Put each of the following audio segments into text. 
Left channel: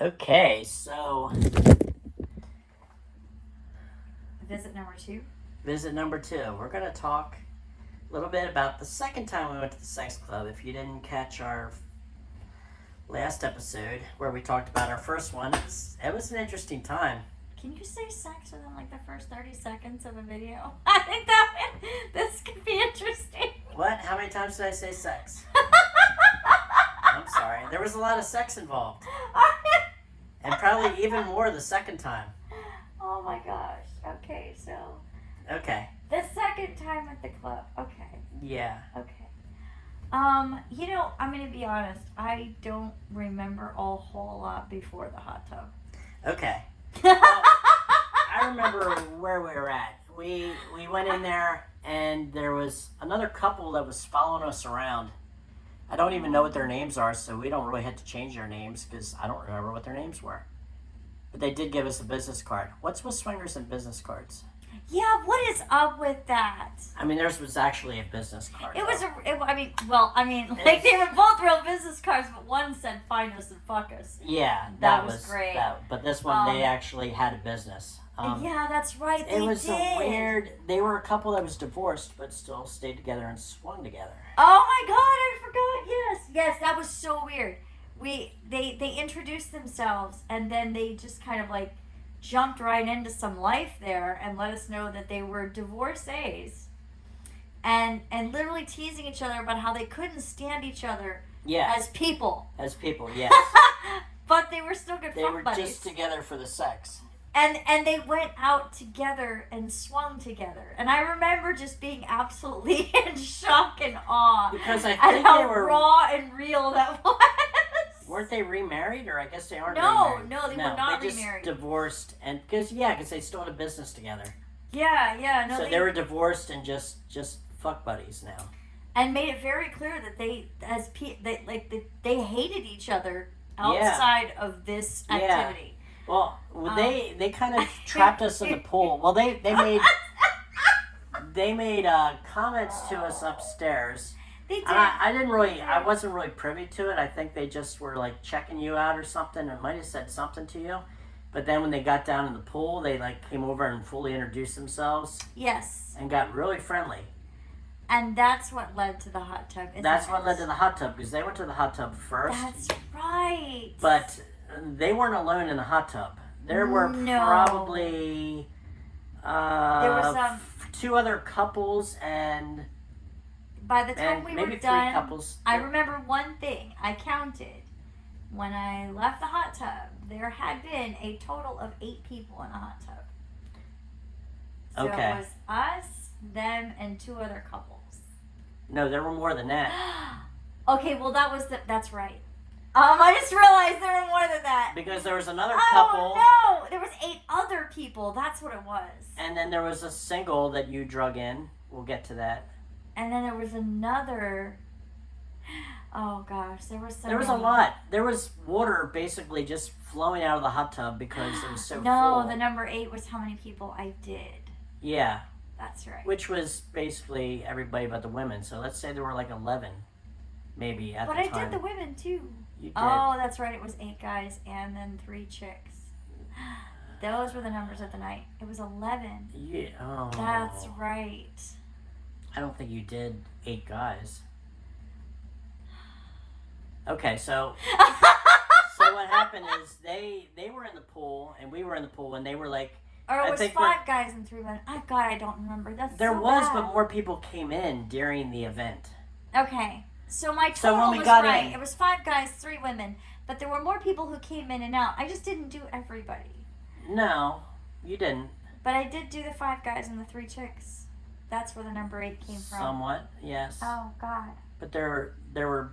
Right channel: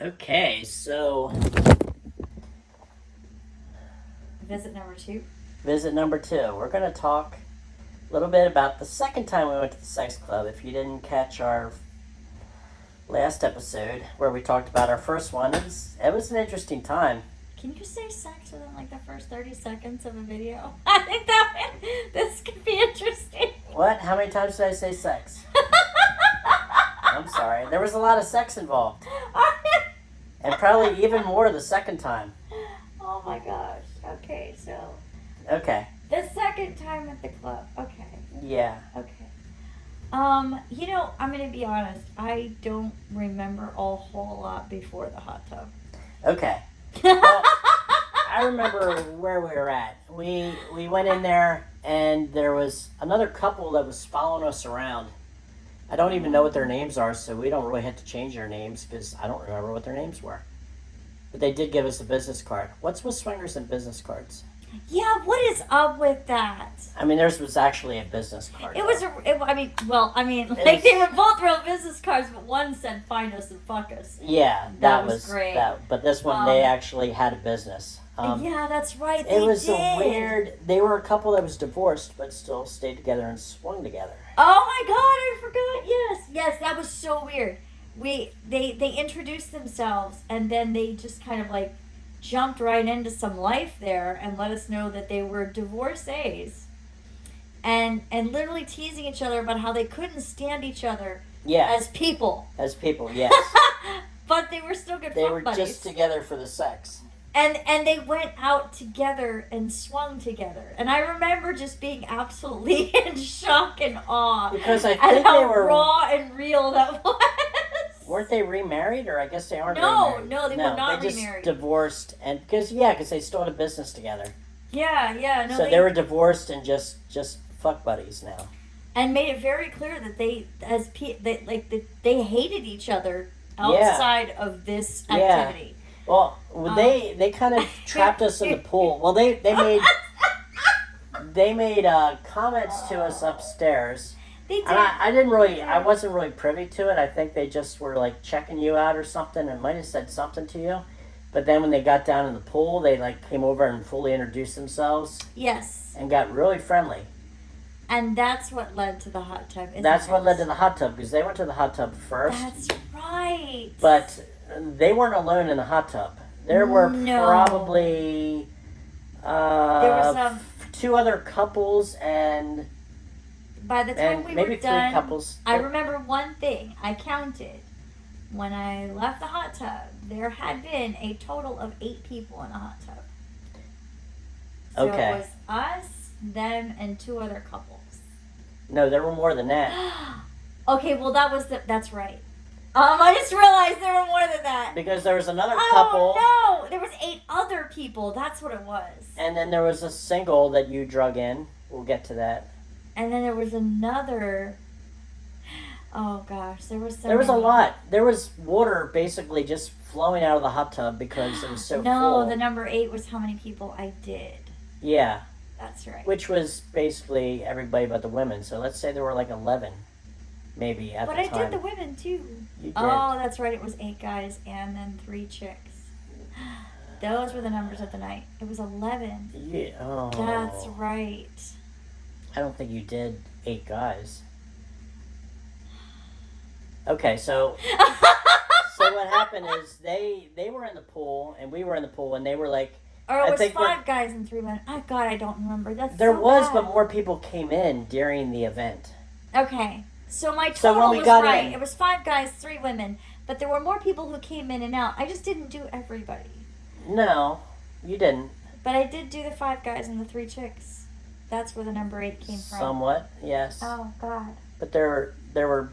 Okay, so Visit number 2. visit number 2. We're going to talk a little bit about the second time we went to the sex club. If you didn't catch our last episode where we talked about our first one, it was an interesting time. Can you say sex within like the first 30 seconds of a video? I think this could be interesting. What? How many times did I say sex? I'm sorry. There was a lot of sex involved. And probably even more the second time. Oh my gosh. Okay, so Okay. the second time at the club. Okay. Yeah. Okay. I'm gonna be honest. I don't remember a whole lot before the hot tub. Okay. Well, I remember where we were at. We went in there, and there was another couple that was following us around. I don't even know what their names are, so we don't really have to change their names because I don't remember what their names were. But they did give us a business card. What's with swingers and business cards? Yeah, what is up with that? I mean, theirs was actually a business card. It was they was- were both real business cards, but one said "find us and fuck us." Yeah, That was great. But this one, they actually had a business. Yeah, that's right. It was did. a weird. They were a couple that was divorced, but still stayed together and swung together. Oh my god, I forgot. Yes, that was so weird. They introduced themselves and then they just kind of like jumped right into some life there and let us know that they were divorcees. And literally teasing each other about how they couldn't stand each other Yeah, as people. as people, yes. But they were still good They fuck were buddies. just together for the sex. And they went out together and swung together. And I remember just being absolutely in shock and awe Because I at think how they were. raw and real that was. Weren't they remarried, or I guess they aren't No, remarried? no, they were not they just remarried. divorced, and because they still had a business together. Yeah, no. So they were divorced and just fuck buddies now. And made it very clear that they hated each other outside of this activity. Well, they kind of trapped us in the pool. Well, they made comments to us upstairs. They did. And I wasn't really privy to it. I think they just were like checking you out or something, and might have said something to you. But then when they got down in the pool, they like came over and fully introduced themselves Yes. and got really friendly. And that's what led to the hot tub. That's what led to the hot tub, because they went to the hot tub first. That's right. But they weren't alone in the hot tub. There were probably there was 2 other couples and by the time we maybe were 3 done, couples. I remember one thing. I counted. When I left the hot tub, there had been a total of 8 people in the hot tub. So Okay. it was us, them, and 2 other couples. No, there were more than that. Okay, well that's right. I just realized there were more than that. Because there was another couple. Oh no, there was 8 other people. That's what it was. And then there was a single that you drug in. We'll get to that. And then there was another. Oh gosh, there was a lot. There was water basically just flowing out of the hot tub because it was so full. No, the number 8 was how many people I did. Yeah. That's right. Which was basically everybody but the women. So let's say there were like 11, maybe at the time. But I did the women too. You did. Oh, that's right. It was 8 guys and then 3 chicks. Those were the numbers of the night. It was 11. Yeah. Oh. That's right. I don't think you did 8 guys. Okay, so what happened is they were in the pool and we were in the pool and they were like. Or it was 5 guys and 3 men. Oh God, I don't remember. There was, but more people came in during the event. Okay, so my total was right. It was 5 guys, 3 women, but there were more people who came in and out. I just didn't do everybody. No, you didn't. But I did do the 5 guys and the 3 chicks. That's where the number 8 came from. Somewhat, yes. Oh God. But there was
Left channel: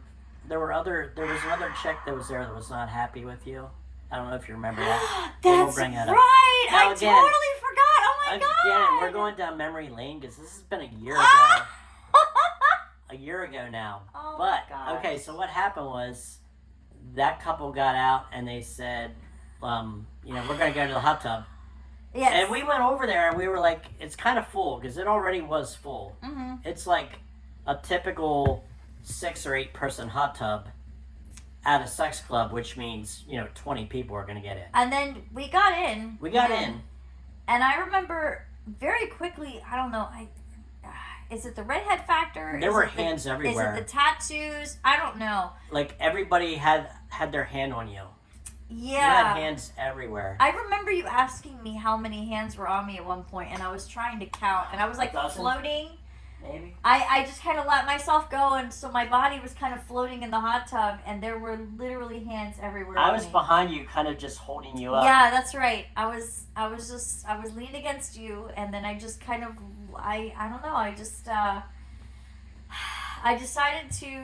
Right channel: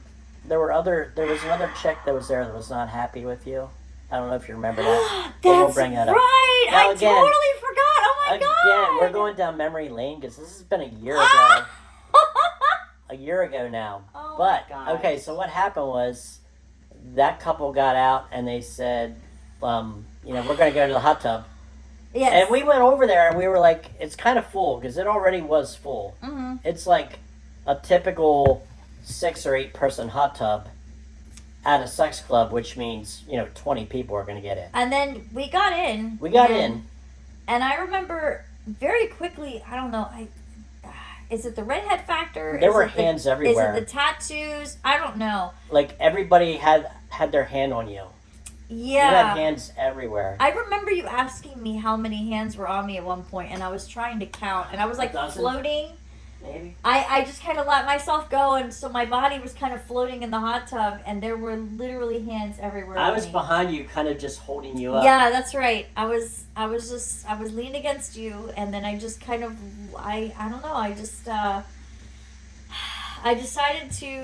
another chick that was there that was not happy with you. I don't know if you remember that. That's we'll bring that up. right. Now, I totally forgot. Oh my God. Again, we're going down memory lane because this has been a year ago. A year ago now. Oh but my God. okay, so what happened was that couple got out and they said, we're going to go to the hot tub. Yes. And we went over there and we were like, it's kind of full because it already was full. Mm-hmm. It's like a typical 6 or 8 person hot tub. at a sex club, which means 20 people are going to get in. And then we got in. We got in. And I remember very quickly, I don't know, is it the redhead factor? There were hands everywhere. Is it the tattoos? I don't know. Like everybody had their hand on you. Yeah. You had hands everywhere. I remember you asking me how many hands were on me at one point, and I was trying to count, and I was like floating. Maybe. I just kind of let myself go, and so my body was kind of floating in the hot tub, and there were literally hands everywhere. I was behind you, kind of just holding you up. Yeah, that's right. I was leaning against you, and then I just kind of, I don't know, I decided to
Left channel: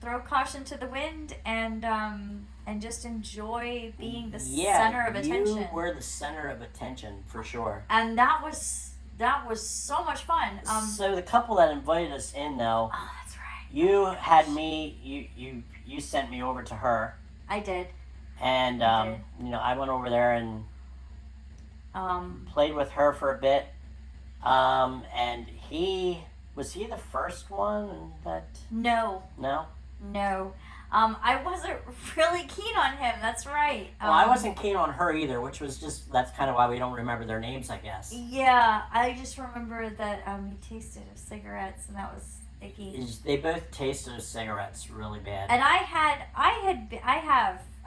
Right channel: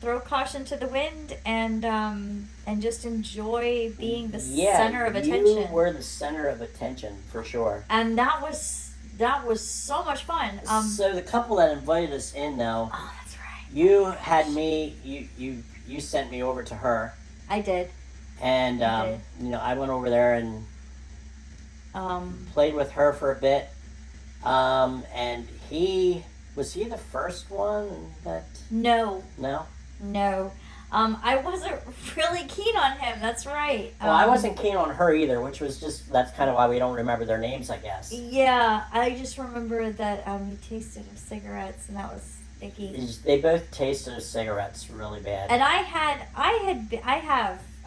throw caution to the wind and just enjoy being the center of attention. You were the center of attention for sure. And that was so much fun. So the couple that invited us in, though. Oh, that's right. You had me. You sent me over to her. I did. And I went over there and played with her for a bit. And was he the first one that? No. No. I wasn't really keen on him. That's right. Well, I wasn't keen on her either, which was that's kind of why we don't remember their names, I guess. Yeah, I just remember that he tasted of cigarettes, and that was icky. They both tasted of cigarettes really bad. And I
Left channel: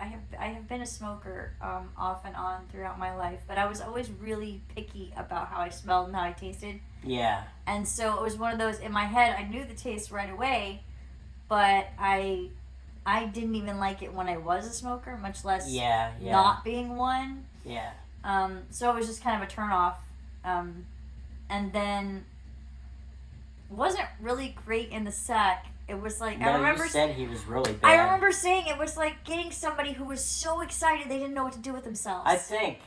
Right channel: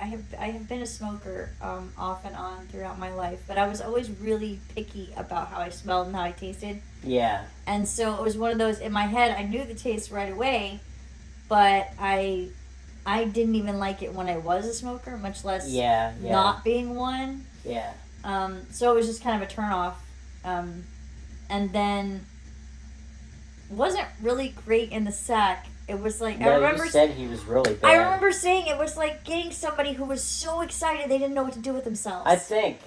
have been a smoker off and on throughout my life, but I was always really picky about how I smelled and how I tasted. Yeah. And so it was one of those, in my head, I knew the taste right away, but I didn't even like it when I was a smoker, much less not being one. Yeah. So it was just kind of a turn-off. And then wasn't really great in the sack. It was like, I remember... you said he was really bad. I remember saying it was like getting somebody who was so excited they didn't know what to do with themselves. I think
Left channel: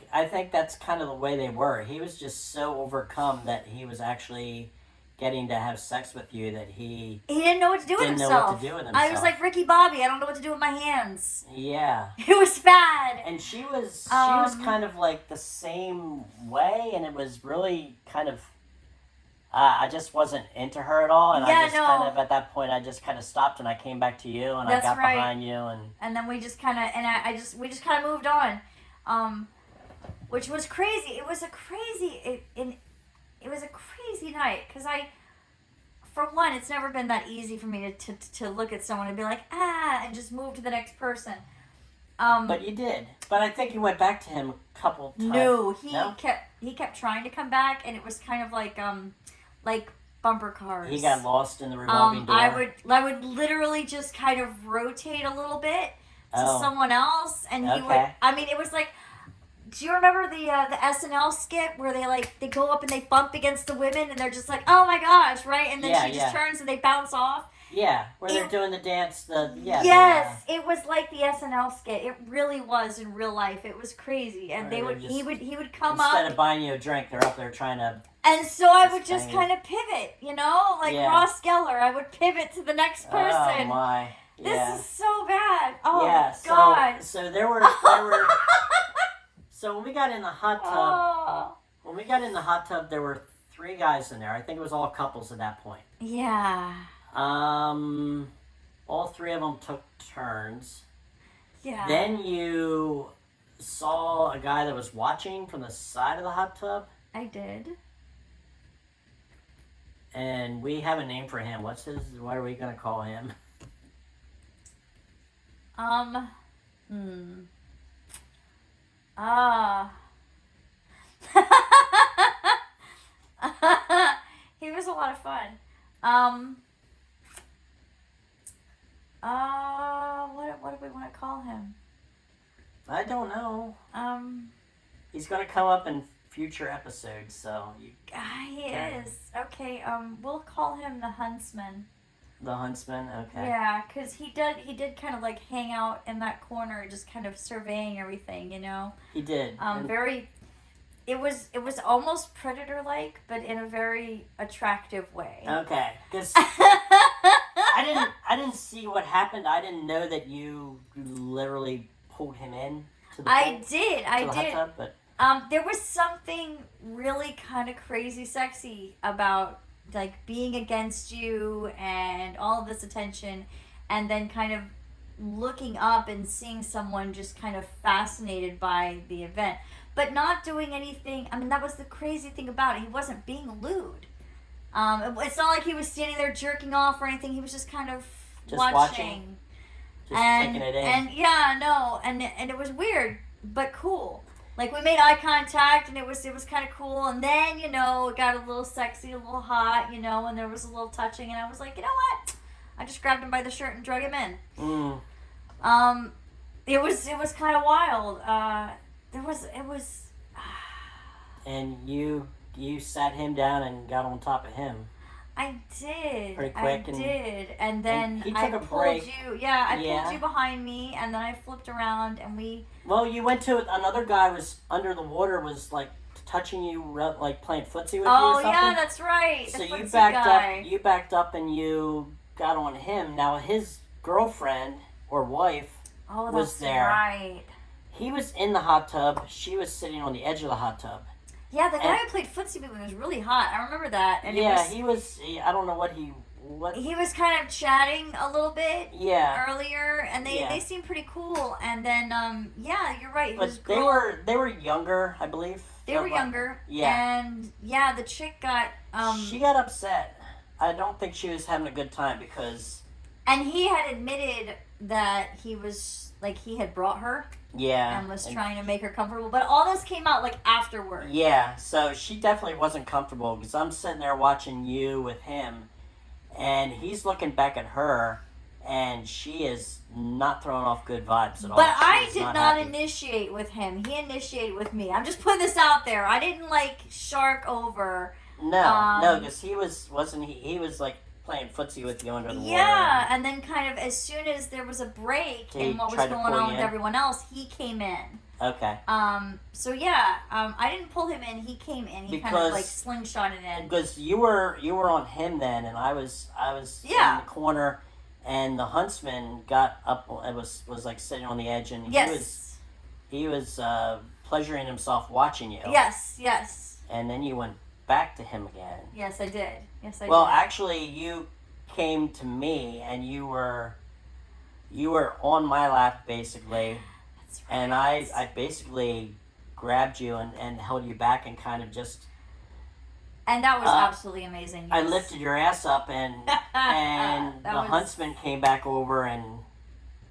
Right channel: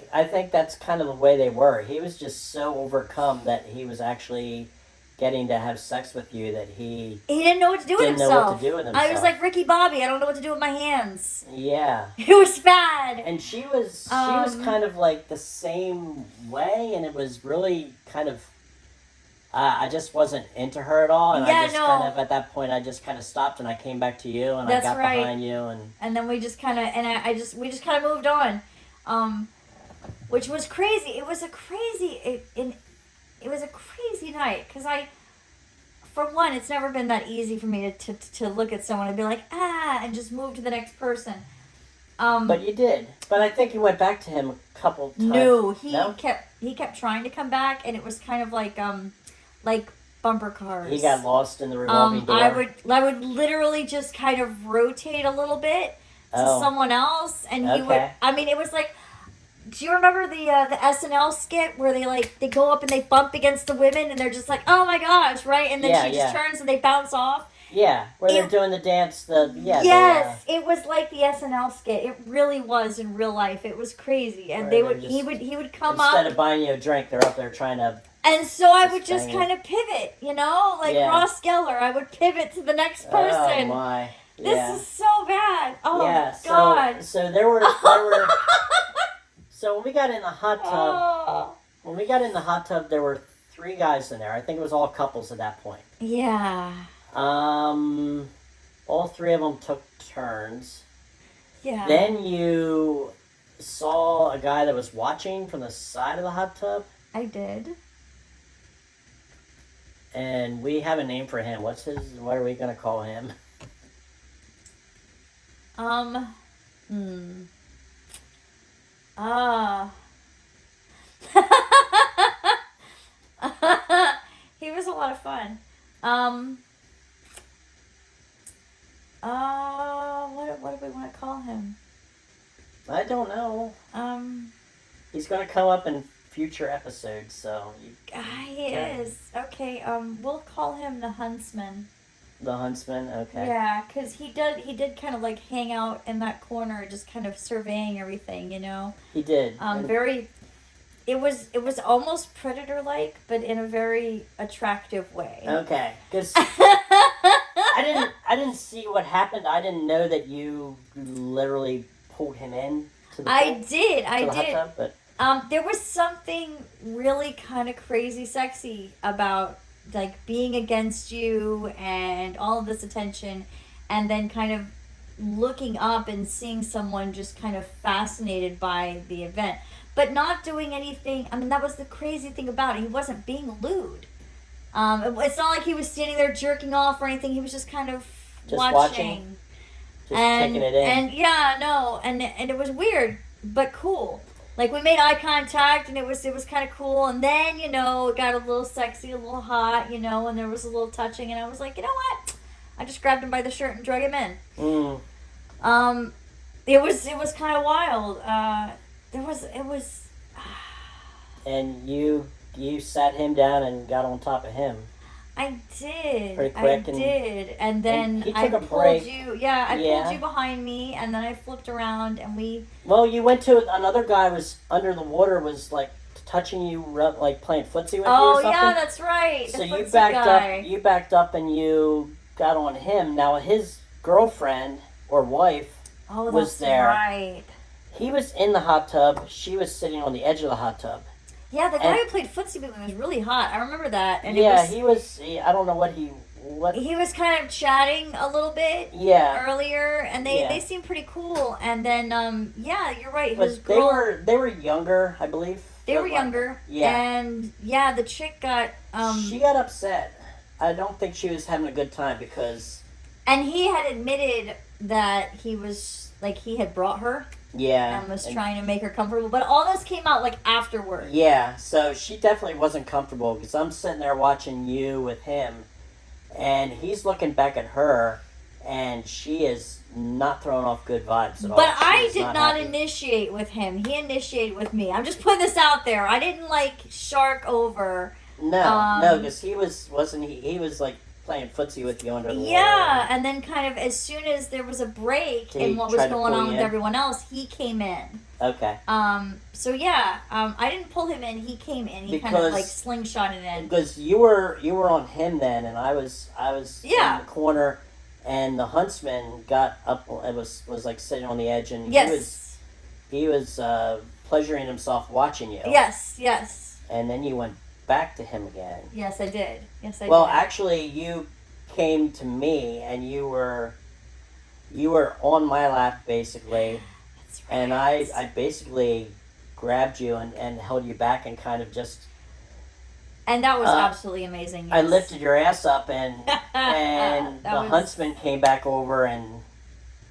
that's kind of the way they were. He was just so overcome that he was actually getting to have sex with you that he didn't know what to do with himself. Didn't know what to do with himself. I was like Ricky Bobby. I don't know what to do with my hands. Yeah. It was bad. And she was kind of like the same way, and it was really kind of. I just wasn't into her at all, and I just kind of at that point I just kind of stopped and I came back to you and I got behind you and then we just kind of we just kind of moved on, which was crazy. It was a crazy night because for one, it's never been that easy for me to look at someone and be like and just move to the next person. But you did. But I think you went back to him a couple times. No, he kept trying to come back, and it was kind of like bumper cars. He got lost in the revolving door. I would literally just kind of rotate a little bit to someone else, and he would. I mean, it was like. Do you remember the SNL skit where they go up and they bump against the women and they're just like, oh my gosh, right? And then she just turns and they bounce off. Yeah, where they're doing the dance. Yes, it was like the SNL skit. It really was in real life. It was crazy, and he would come up instead of buying you a drink. They're up there trying to. And so I would just kind of pivot, like Ross Geller. I would pivot to the next person. Oh my! This is so bad. Oh yeah, God! So there were. So when we got in the hot tub, there were 3 guys in there. I think it was all couples at that point. Yeah. All 3 of them took turns. Yeah. Then you saw a guy that was watching from the side of the hot tub. I did. And we have a name for him. What are we going to call him? He was a lot of fun. What do we want to call him? I don't know. He's going to come up in future episodes, so he is. Okay, we'll call him the Huntsman. The Huntsman, okay. Yeah, because he did kind of hang out in that corner, just kind of surveying everything, He did. It was almost Predator-like, but in a very attractive way. Okay, because I didn't see what happened. I didn't know that you literally pulled him in to the pool, I did. Hot tub, but there was something really kind of crazy sexy about being against you and all of this attention, and then kind of looking up and seeing someone just kind of fascinated by the event, but not doing anything. I mean, that was the crazy thing about it. He wasn't being lewd. It's not like he was standing there jerking off or anything. He was just kind of Just watching. Just taking it in. And yeah, no, and it was weird, but cool. Like, we made eye contact, and it was kind of cool. And then, it got a little sexy, a little hot, and there was a little touching. And I was like, you know what? I just grabbed him by the shirt and drug him in. It was kind of wild. It was. And you sat him down and got on top of him. I did. Pretty quick. And then he I took a pulled break. you. Yeah, I pulled you behind me, and then I flipped around, and we. Well, you went to another guy was under the water, was like touching you, like playing footsie with you or something. Oh yeah, that's right. So The you footsie backed guy. up. You backed up, and you got on him. Now his girlfriend or wife was there. Right. He was in the hot tub. She was sitting on the edge of the hot tub. Yeah, the guy who played footsie with me was really hot. I remember that. And he was. I don't know what he was kind of chatting a little bit. Yeah. Earlier, and they seemed pretty cool. And then you're right. But His girl, they were younger, I believe. They were younger. Yeah. And the chick got she got upset. I don't think she was having a good time because. And he had admitted that he was he had brought her. Yeah. And was trying to make her comfortable. But all this came out afterward. Yeah, so she definitely wasn't comfortable because I'm sitting there watching you with him, and he's looking back at her, and she is not throwing off good vibes at all. But She I is did not happy. initiate with him. He initiated with me. I'm just putting this out there. I didn't shark over. No, because he was like playing footsie with you under the water. Yeah, and then kind of as soon as there was a break in what was going on with everyone else, he came in. Okay. So yeah, I didn't pull him in. He came in. He kind of slingshotted in. Because you were on him then, and I was in the corner, and the huntsman got up. It was like sitting on the edge, and he was pleasuring himself watching you. Yes. And then you went back to him again. Yes, I did. Well, actually, you came to me, and you were on my lap basically. That's right. And I basically grabbed you and held you back and kind of just. And that was absolutely amazing. Yes. I lifted your ass up and huntsman came back over and.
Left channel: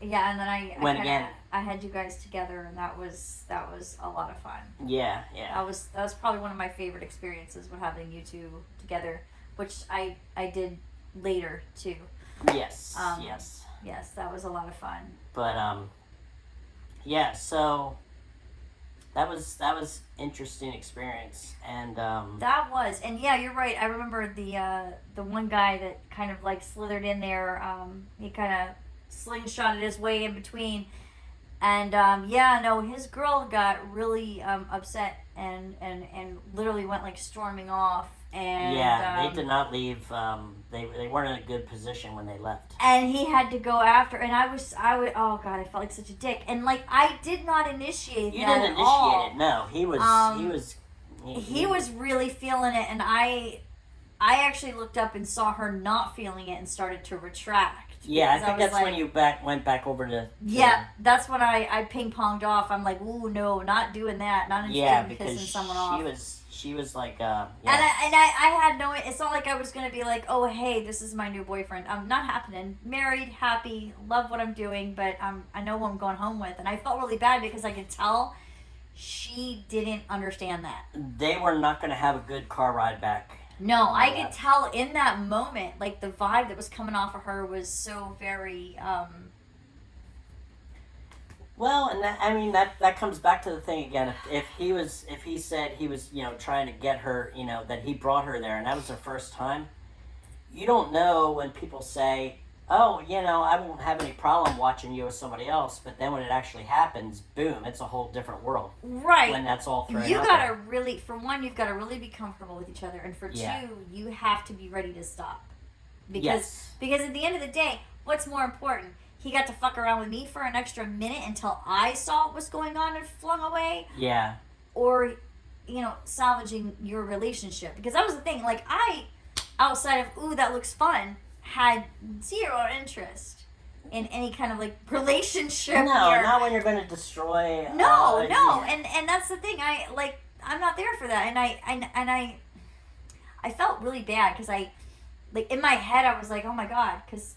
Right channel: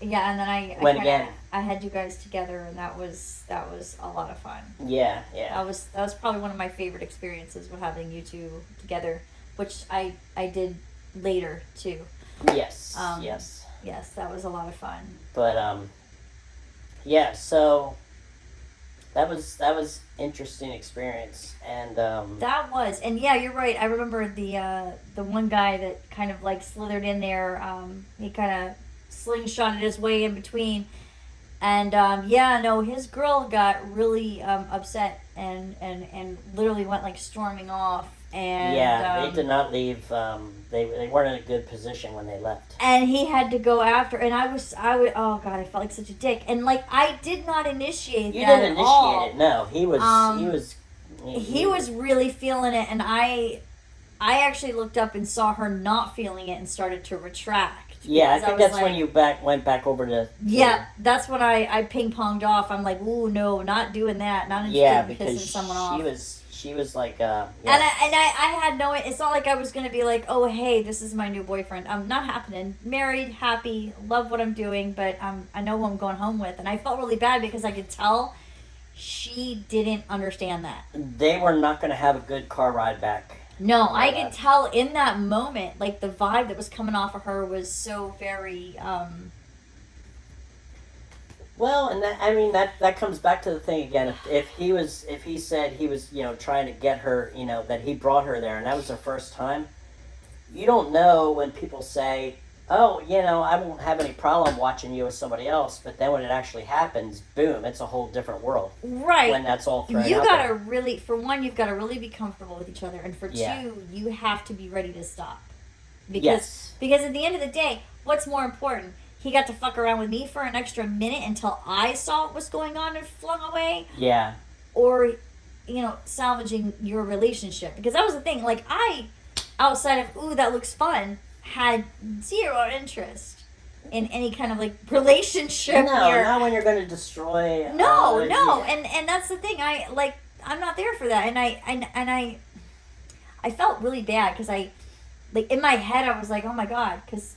Yeah, and then I went again. I had you guys together, and that was a lot of fun. Yeah. That was probably one of my favorite experiences with having you two together, which I did later too. Yes. Yes. Yes, that was a lot of fun. But yeah. So that was interesting experience, and that was, and yeah, you're right. I remember the one guy that kind of slithered in there. He kind of slingshotted his way in between. And his girl got really upset and literally went storming off. And they did not leave. They weren't in a good position when they left. And he had to go after. And I oh God, I felt like such a dick. And I did not initiate. You that didn't at initiate all. it. No, he was. He was really feeling it, and I actually looked up and saw her not feeling it and started to retract. Yeah, I think that's when you went back over to. Yeah, that's when I ping-ponged off. I'm like, ooh, no, not doing that. Not interested in pissing someone off. She was like, yeah. And I had no. It's not like I was gonna be like, oh, hey, this is my new boyfriend. I'm not happening. Married, happy, love what I'm doing, but I know who I'm going home with, and I felt really bad because I could tell she didn't understand that. They were not gonna have a good car ride back. No, I could tell in that moment, the vibe that was coming off of her was so very, Well, and that comes back to the thing again. If he said he was, trying to get her, that he brought her there and that was her first time, you don't know when people say, oh, I won't have any problem watching you with somebody else, but then when it actually happens, boom, it's a whole different world. Right. When that's all thrown You out gotta there. really, for one, you've got to really be comfortable with each other, and for two, you have to be ready to stop. Because at the end of the day, what's more important? He got to fuck around with me for an extra minute until I saw what was going on and flung away? Yeah. Or, salvaging your relationship. Because that was the thing. I, outside of, ooh, that looks fun, had zero interest in any kind of like relationship. No, where, not when you're going to destroy. no, Yeah. and that's the thing. I'm not there for that, and I felt really bad because like in my head I was like, oh my god, because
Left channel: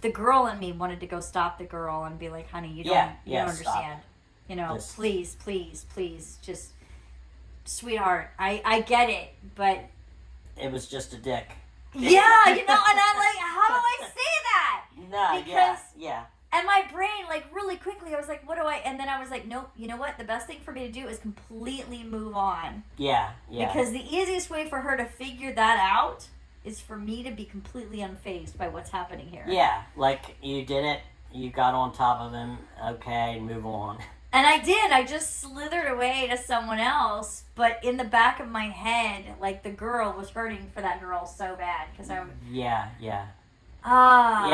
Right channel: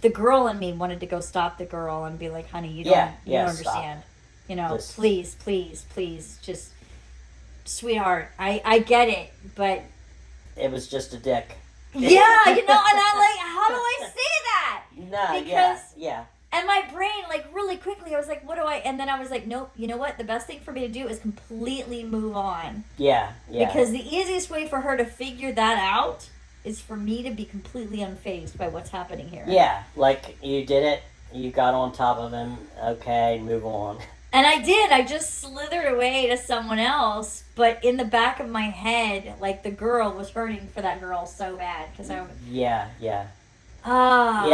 the girl in me wanted to go stop the girl and be like, honey, you don't stop. understand, you know, Just- please, just sweetheart, I get it, but It was just a dick. yeah, you know, and I'm like, how do I say that? No, Because- yeah. And my brain, like, really quickly, I was like, what do I... And then I was like, nope, you know what? The best thing for me to do is completely move on. Yeah. Because the easiest way for her to figure that out is for me to be completely unfazed by what's happening here. Yeah, like you did it, you got on top of him, okay, move on. And I did. I just slithered away to someone else. But in the back of my head, like, the girl was hurting for that girl so bad. Because I... Yeah. Ah.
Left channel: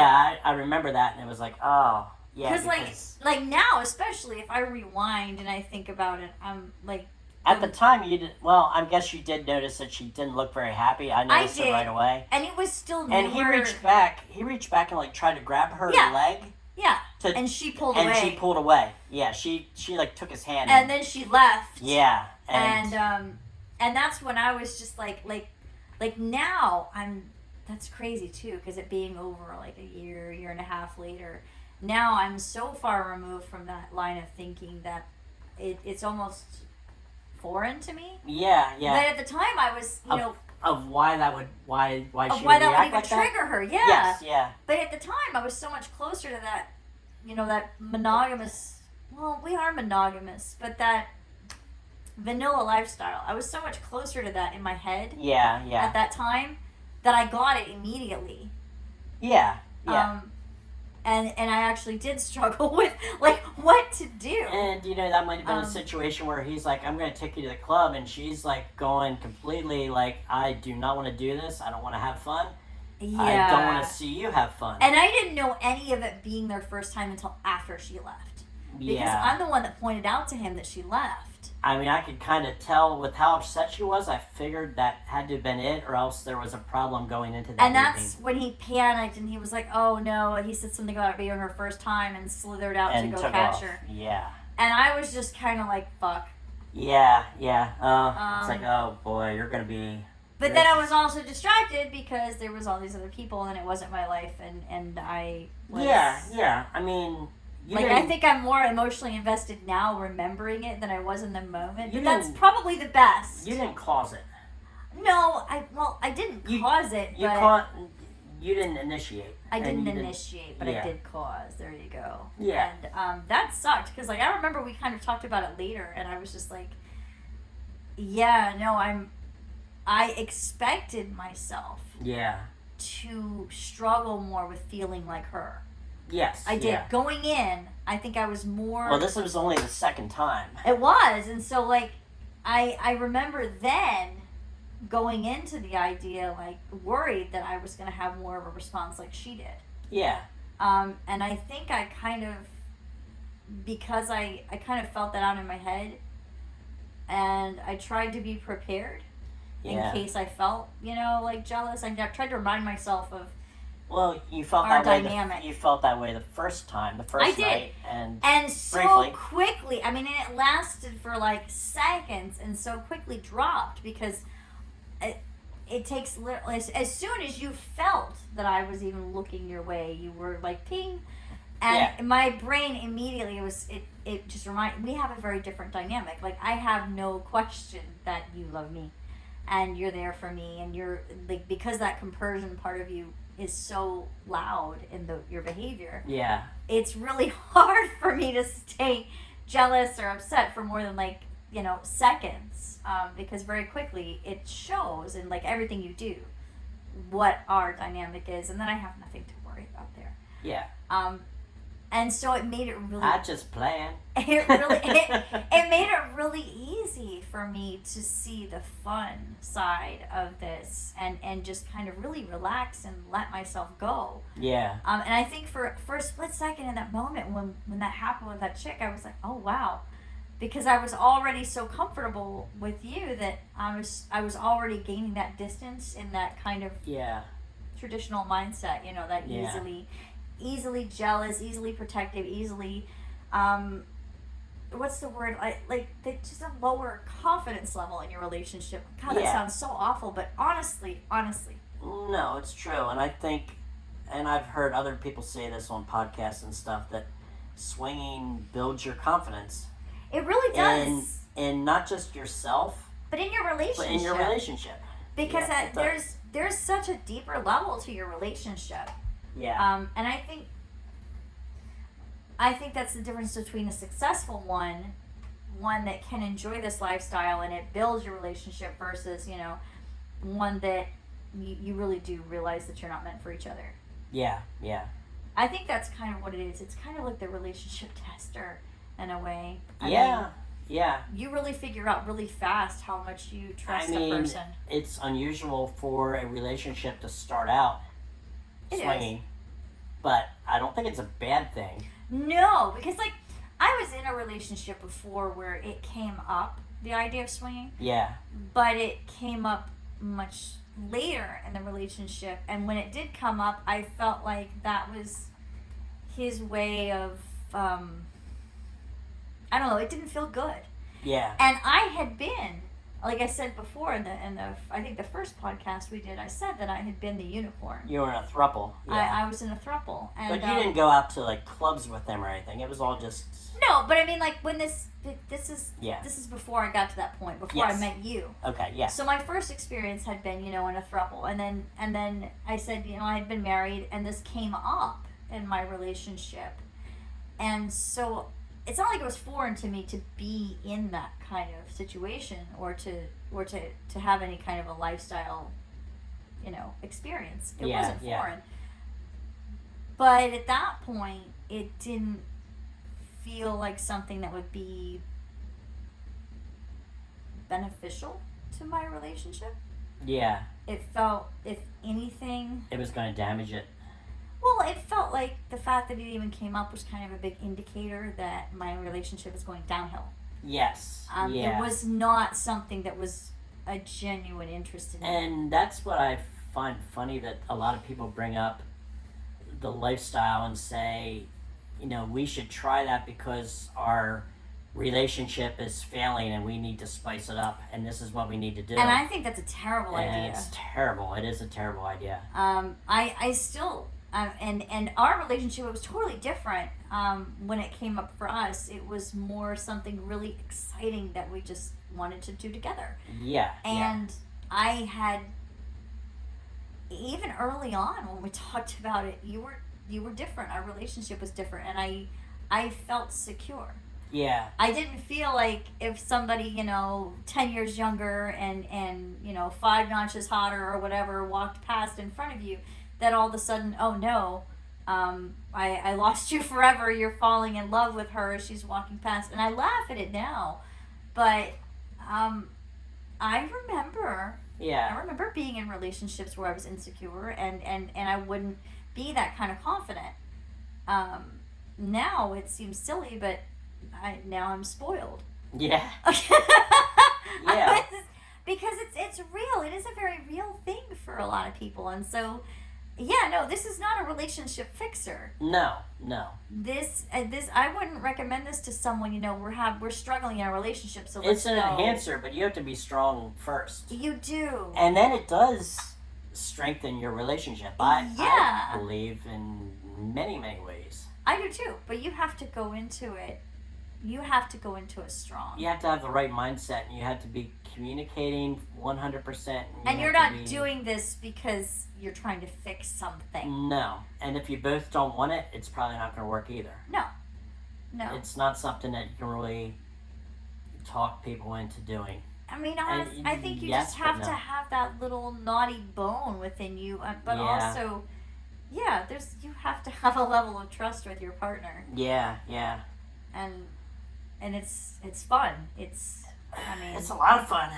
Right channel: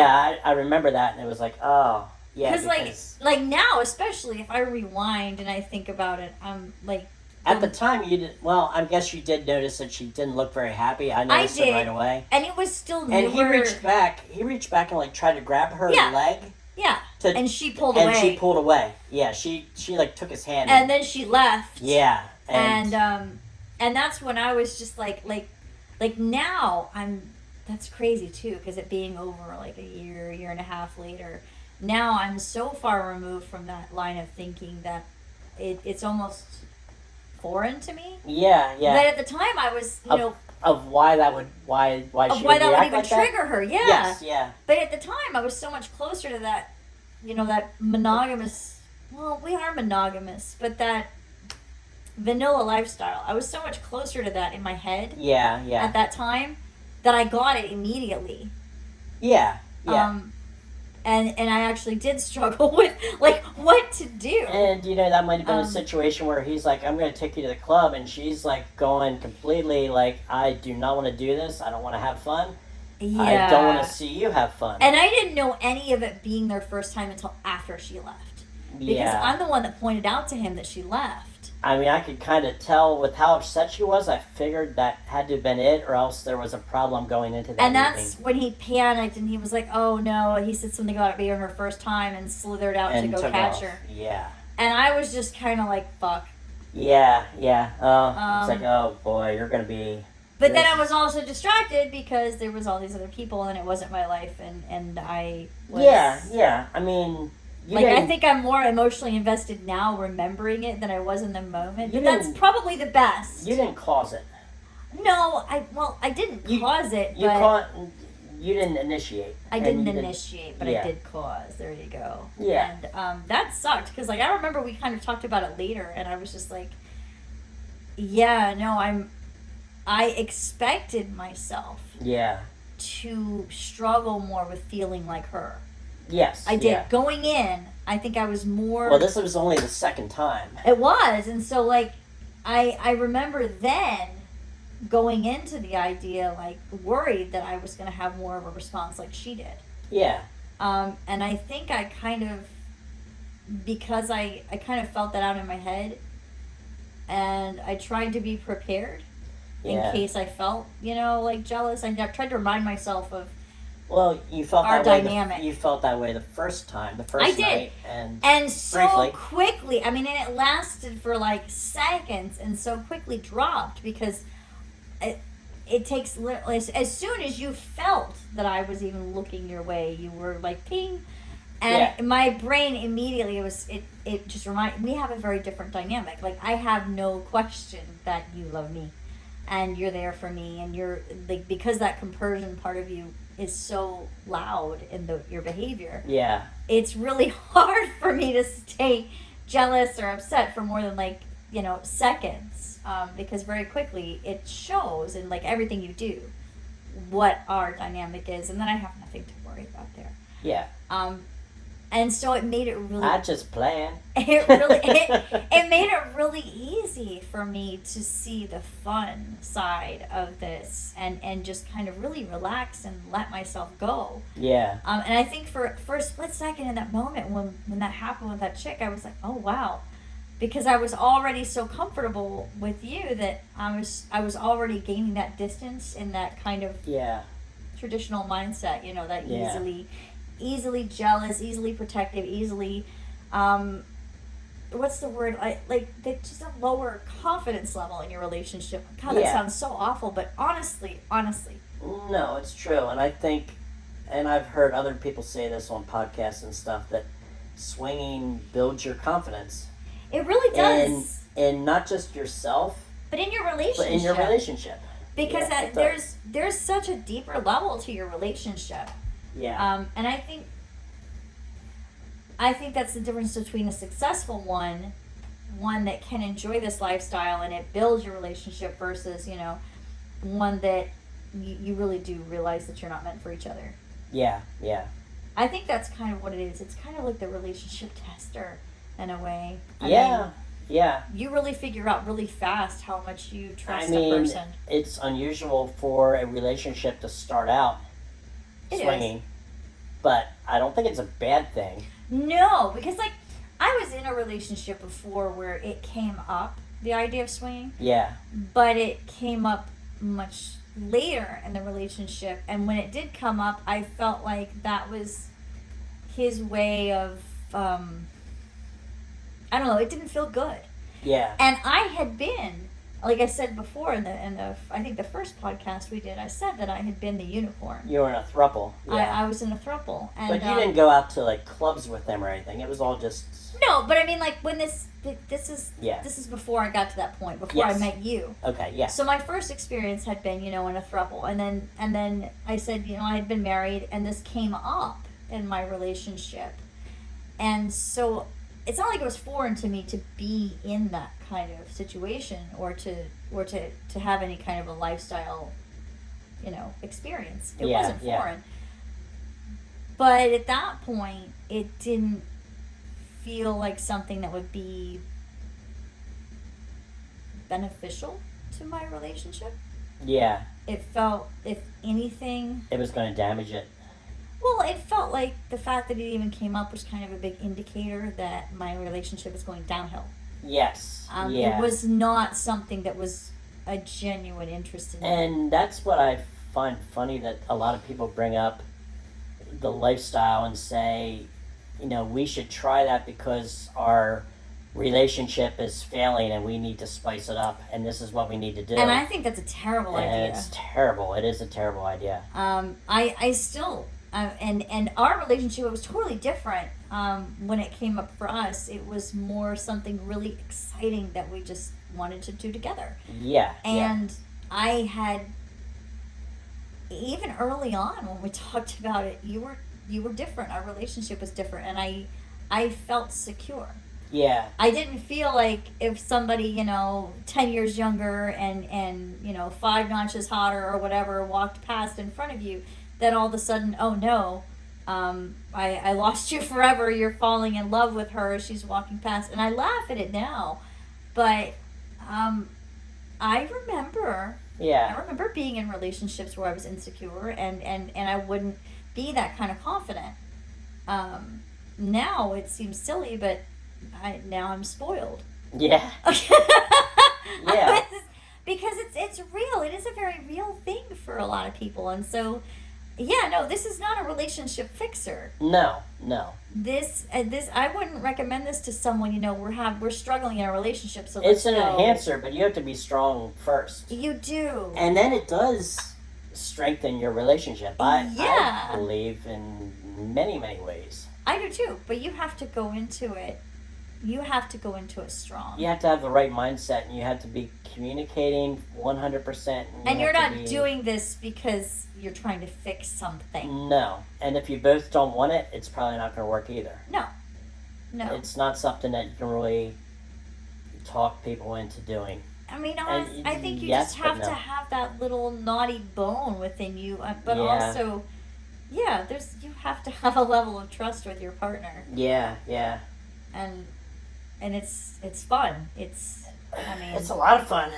I remember that, and it was like, oh, yeah. Because, like now, especially if I rewind and I think about it, I'm like... At the time, you did. Well, I guess you did notice that she didn't look very happy. I noticed did. it right away. And it was still newer. And he reached back. He reached back and like tried to grab her Yeah. leg. Yeah. To, And she pulled and away. she pulled away. Yeah, she like took his hand. And then she left. Yeah. And that's when I was just like now that's crazy too, because it being over like a year and a half later, now I'm so far removed from that line of thinking that it's almost foreign to me. Yeah. But at the time I was, you know, of why that would why of she why would that would react even like that? trigger her. Yeah. Yes. Yeah. But at the time I was so much closer to that, you know, that monogamous. Well, we are monogamous, but that vanilla lifestyle. I was so much closer to that in my head. Yeah. At that time that I got it immediately. Yeah. And I actually did struggle with like what to do. And you know that might have been a Um, situation where he's like, "I'm going to take you to the club," and she's like going completely like, "I do not want to do this. I don't want to have fun. Yeah. I don't want to see you have fun." And I didn't know any of it being their first time until after she left. Because yeah, I'm the one that pointed out to him that she left. I mean, I could kind of tell with how upset she was. I figured that had to have been it, or else there was a problem going into that. And that's evening. when he panicked and he was like, oh no. And he said something about it being her first time and slithered out And to go took catch off. her. Yeah. And I was just kind of like, fuck. Yeah. It's like, oh boy, you're gonna be. But then I was also distracted because there was all these other people and it wasn't my life, and I was... Yeah. I mean, you I didn't- think I'm more emotionally invested now remembering it than I was in the moment. You But that's didn't- probably the best. you didn't cause it. No, I didn't cause it, but You didn't initiate. I And didn't you didn't- initiate, but yeah. I did cause. There you go. Yeah. And that sucked because like I remember we kind of talked about it later, and I was just like, yeah, no, I expected myself Yeah. to struggle more with feeling like her. Yes. I did. Yeah. Going in, I think I was more... Well, this was only the second time. It was, and so, like, I remember then going into the idea, like, worried that I was going to have more of a response like she did. Yeah. And I think I kind of... Because I kind of felt that out in my head, and I tried to be prepared Yeah. in case I felt, you know, like, jealous. I tried to remind myself of... Well, you felt Our that dynamic. way. You felt that way the first time, the first I did. night, and And so Briefly. quickly, I mean, and it lasted for like seconds and so quickly dropped because it takes, as soon as you felt that I was even looking your way, you were like ping. And Yeah. my brain immediately, it just reminded, we have a very different dynamic. Like, I have no question that you love me and you're there for me, and you're like, because that compersion part of you is so loud in your behavior. yeah, It's really hard for me to stay jealous or upset for more than like, you know, seconds, because very quickly it shows in like everything you do what our dynamic is, and then I have nothing to worry about there. yeah. And so it made it really I just playing. it made it really easy for me to see the fun side of this and just kind of really relax and let myself go. Yeah, And I think for a split second in that moment when that happened with that chick, I was like, oh wow, because I was already so comfortable with you that I was already gaining that distance in that kind of yeah, traditional mindset, you know, that Yeah. easily easily jealous, easily protective, easily, what's the word? They just a lower confidence level in your relationship. God, that Yeah. sounds so awful, but honestly, No, it's true, and I think, and I've heard other people say this on podcasts and stuff, that swinging builds your confidence it really does. in not just yourself, But in your relationship. but in your relationship. Because Yeah, it does. there's such a deeper level to your relationship. Yeah. And I think that's the difference between a successful one that can enjoy this lifestyle and it builds your relationship versus, one that you really do realize that you're not meant for each other. Yeah. Yeah. I think that's kind of what it is. It's kind of like the relationship tester in a way. Yeah. Yeah. You really figure out really fast how much you trust I mean, a person. it's unusual for a relationship to start out It is. swinging, but I don't think it's a bad thing. No, because I was in a relationship before where it came up, the idea of swinging, Yeah. but it came up much later in the relationship, and when it did come up, I felt like that was his way of I don't know, it didn't feel good. Yeah. And I had been, like I said before in the I think the first podcast we did, I said that I had been the unicorn. You were in a throuple. Yeah. I was in a throuple, and But you didn't go out to like clubs with them or anything. It was all just no, but I mean, like when this Yeah. is before I got to that point, before I Yes. met you. okay. Yeah. So my first experience had been, in a throuple, and then I said, I had been married, and this came up in my relationship, and so it's not like it was foreign to me to be in that kind of situation or to have any kind of a lifestyle, experience. It Yeah, wasn't yeah. foreign, but at that point, it didn't feel like something that would be beneficial to my relationship. Yeah. It felt, if anything, It was going to damage it. well, it felt like the fact that it even came up was kind of a big indicator that my relationship is going downhill. Yes. It yeah. was not something that was a genuine interest in me. And that's what I find funny, that a lot of people bring up the lifestyle and say, we should try that because our relationship is failing and we need to spice it up and this is what we need to do. And I think that's a terrible And idea. it's terrible. It is a terrible idea. I still, and our relationship was totally different. When it came up for us, it was more something really exciting that we just wanted to do together. Yeah. And I had, even early on when we talked about it, you were different. Our relationship was different, and I felt secure. Yeah. I didn't feel like if somebody, 10 years younger and 5 notches hotter or whatever walked past in front of you, that all of a sudden, oh no, I lost you forever. You're falling in love with her as she's walking past. And I laugh at it now, but I remember being in relationships where I was insecure and I wouldn't be that kind of confident. Now it seems silly, but now I'm spoiled. Yeah. Yeah. Because it's real. It is a very real thing for a lot of people, and so this is not a relationship fixer. No. This I wouldn't recommend this to someone. We're struggling in a relationship, so It's let's an go. enhancer, but you have to be strong first. You do. And then it does strengthen your relationship. I believe in many, many ways. I do too, but you have to go into it. You have to go into it strong. You have to have the right mindset, and you have to be communicating 100%. And you're not doing this because you're trying to fix something. No. And if you both don't want it, it's probably not going to work either. No. It's not something that you can really talk people into doing. I mean, I think you just have to have that little naughty bone within you, but also, you have to have a level of trust with your partner. Yeah. And it's fun. It's a lot of fun.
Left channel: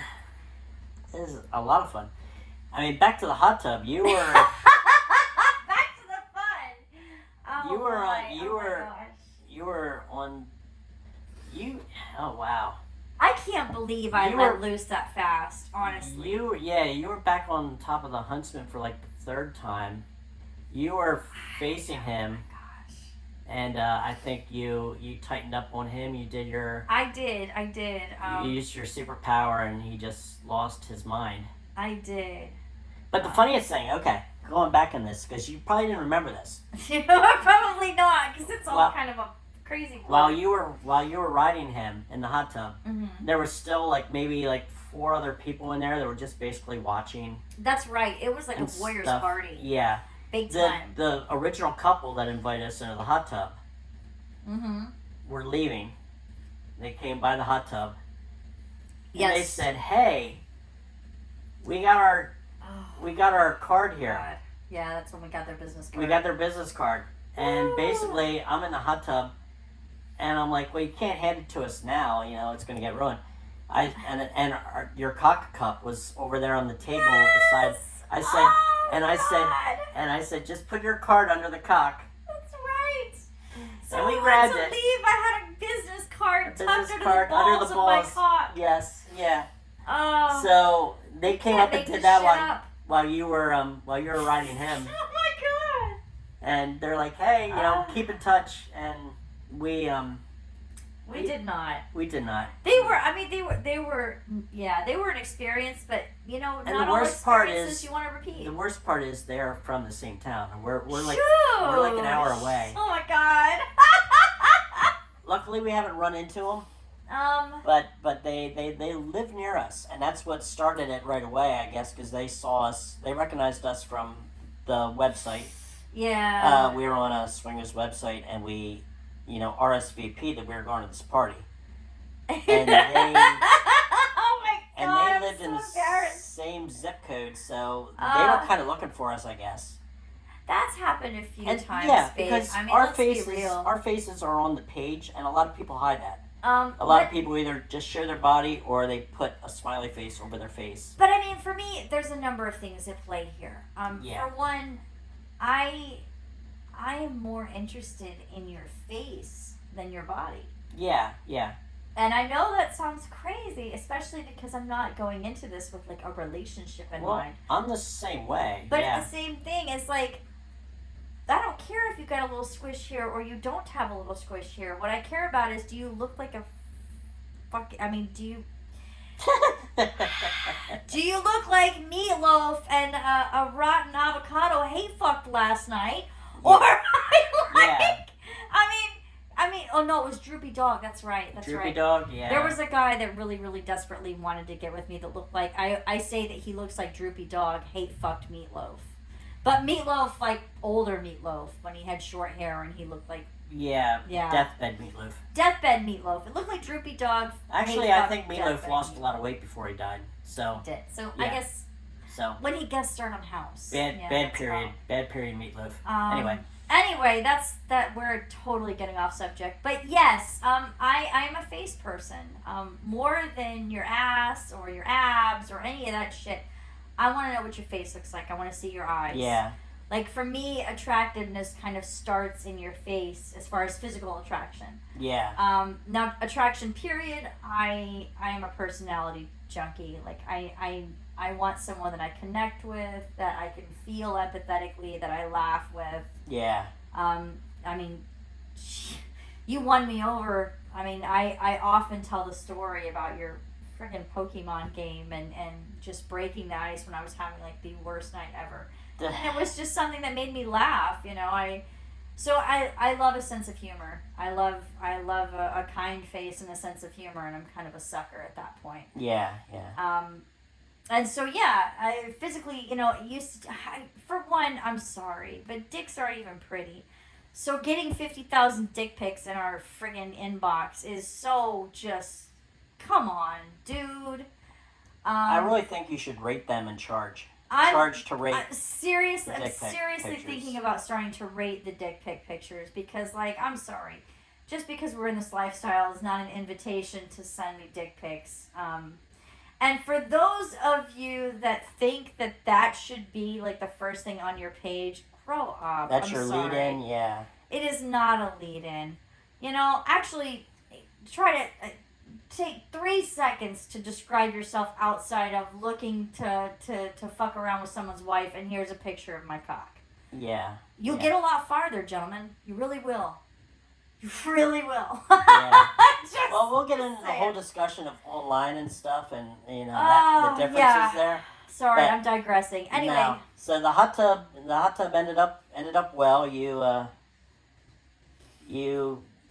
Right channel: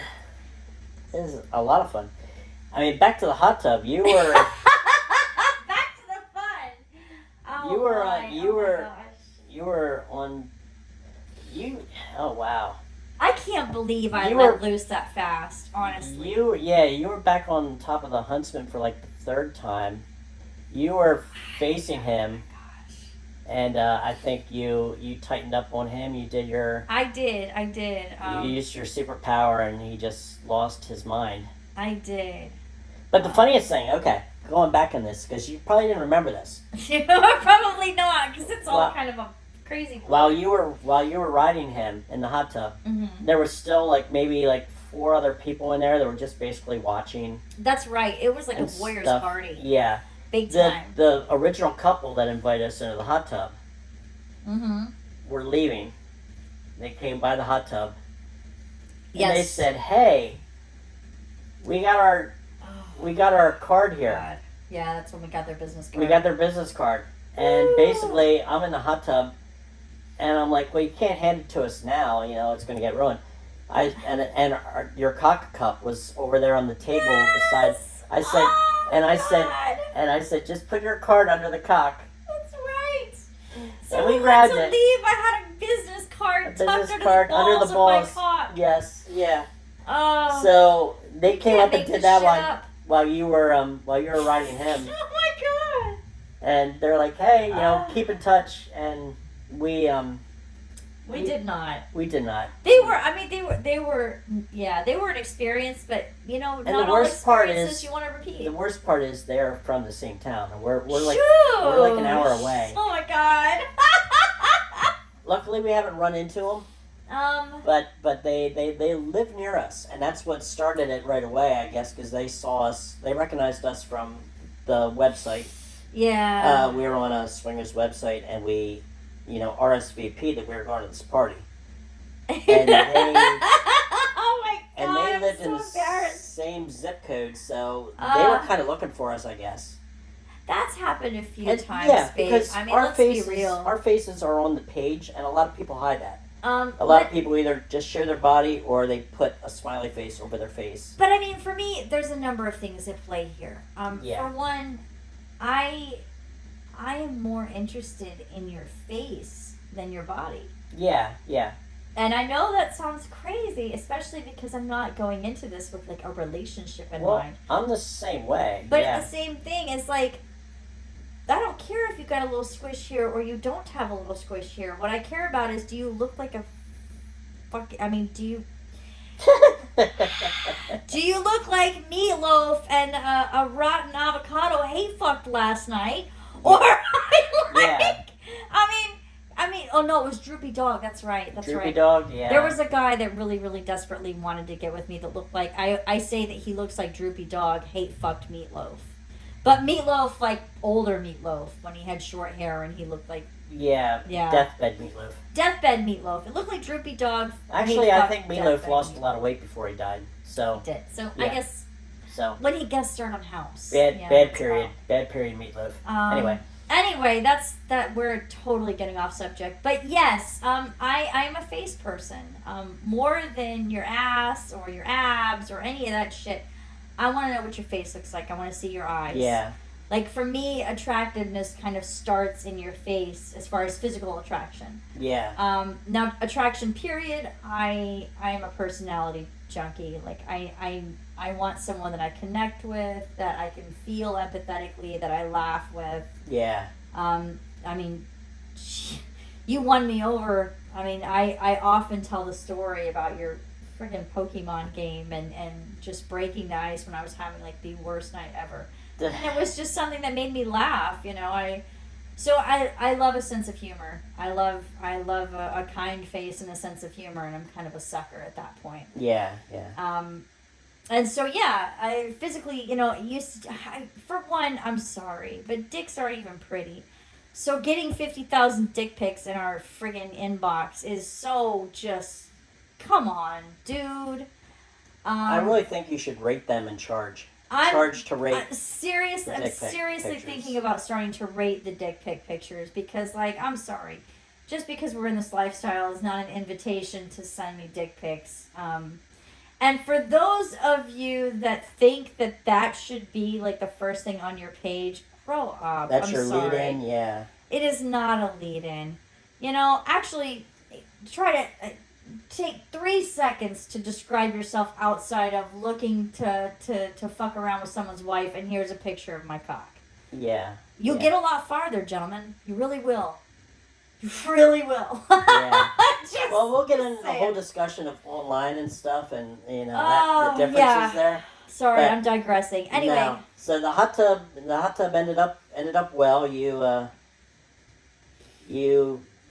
It is a lot of fun. I mean, back to the hot tub. You were. Back to the fun. Oh, you were. my. You oh were. My gosh. You were on. Oh wow. I can't believe I You let were- loose that fast. Honestly. You were back on top of the Huntsman for like the third time. you were facing him, Gosh. and I think you tightened up on him. You did your I did. you used your superpower, and he just lost his mind. I did. But the funniest thing, okay, going back in this, because you probably didn't remember this. Probably not, because it's all Well, kind of a crazy. While you were riding him in the hot tub, there was still maybe 4 other people in there that were just basically watching. That's right. It was like a and warriors stuff. party. Yeah, Big time. the original couple that invited us into the hot tub Mm-hmm. were leaving. They came by the hot tub. And Yes. they said, "Hey, we got our card here. God. Yeah, that's when we got their business card. We got their business card." And basically, I'm in the hot tub, and I'm like, "Well, you can't hand it to us now. You know, it's going to get ruined." Your cock cup was over there on the table beside. I said, Oh, and I said, God. and I said, "Just put your card under the cock." That's right. So And we we grabbed to it. leave. I had a business card A tucked business under card the balls under the balls. of my cock. Yes, yeah. Oh. So they came can't up and make did this that shit one up. while you were riding him, Oh my God. and they're like, "Hey, keep in touch." And we We did not. we did not. They were. I mean, they were. Yeah, they were an experience, but not the all worst part experiences is- you want to repeat. The worst part is they're from the same town, and we're like Shoo! we're like an hour away. Oh my God. Luckily, we haven't run into them, but they live near us, and that's what started it right away, I guess, because they saw us, they recognized us from the website. Yeah. We were on a swingers website, and we, RSVP that we were going to this party, and they Oh my God. and they I'm lived in so the embarrassed. same zip code, so they were kind of looking for us, I guess. That's happened a few And times, yeah, babe. because I mean, our let's faces, be real. our faces are on the page, and a lot of people hide that. A lot But- of people either just show their body or they put a smiley face over their face. But I mean, for me, there's a number of things at play here. Yeah. For one, I am more interested in your face than your body. Yeah, yeah. And I know that sounds crazy, especially because I'm not going into this with like a relationship in Well, mind. I'm the same way. But yeah. the same thing is like, I don't care if you got a little squish here or you don't have a little squish here. What I care about is, do you look like a do you look like Meatloaf and a rotten avocado hate fucked last night? Or Yeah. I mean, oh no, it was Droopy Dog. That's right. That's Droopy right. Dog, yeah. There was a guy that really, really desperately wanted to get with me that looked like, I say that he looks like Droopy Dog hate fucked Meatloaf. But Meatloaf, like older Meatloaf, when he had short hair and he looked like Yeah, Yeah. Deathbed Meatloaf. Deathbed Meatloaf. It looked like Droopy Dog. Actually, hate I fucked think Meatloaf Deathbed lost a lot of weight before he died. So, Did. So I Yeah. guess so when he guest starred on House. bad Yeah, bad that's period. all. Bad period Meatloaf. Um, Anyway, that's that. We're totally getting off subject, but yes, I am a face person. More than your ass or your abs or any of that shit. I want to know what your face looks like. I want to see your eyes. Yeah. Like for me, attractiveness kind of starts in your face as far as physical attraction. Yeah. Now attraction period. I am a personality junkie. Like I want someone that I connect with, that I can feel empathetically, that I laugh with. Yeah. I mean, you won me over. I mean, I often tell the story about your friggin' Pokemon game and just breaking the ice when I was having like the worst night ever. And it was just something that made me laugh, you know. I love a sense of humor. I love a kind face and a sense of humor, and I'm kind of a sucker at that point. Yeah. Yeah. And so yeah, I physically, you know, for one, I'm sorry, but dicks aren't even pretty. So getting 50,000 dick pics in our friggin' inbox is so just, come on, dude. I really think you should rate them and charge. I'm Charge to rate. I'm the seriously pictures. thinking about starting to rate the dick pic pictures because, like, I'm sorry, just because we're in this lifestyle is not an invitation to send me dick pics. And for those of you that think that should be like the first thing on your page, grow up. That's I'm your sorry. lead in. Yeah. It is not a lead in. You know, actually, try to take 3 seconds to describe yourself outside of looking to fuck around with someone's wife, and here's a picture of my cock. Yeah. You'll Yeah. get a lot farther, gentlemen. You really will. You really will. Yeah. Just Well, we'll get into the saying. whole discussion of online and stuff, and Oh, the differences yeah. there. Sorry, But I'm digressing. Anyway, no. So the hot tub ended up well. You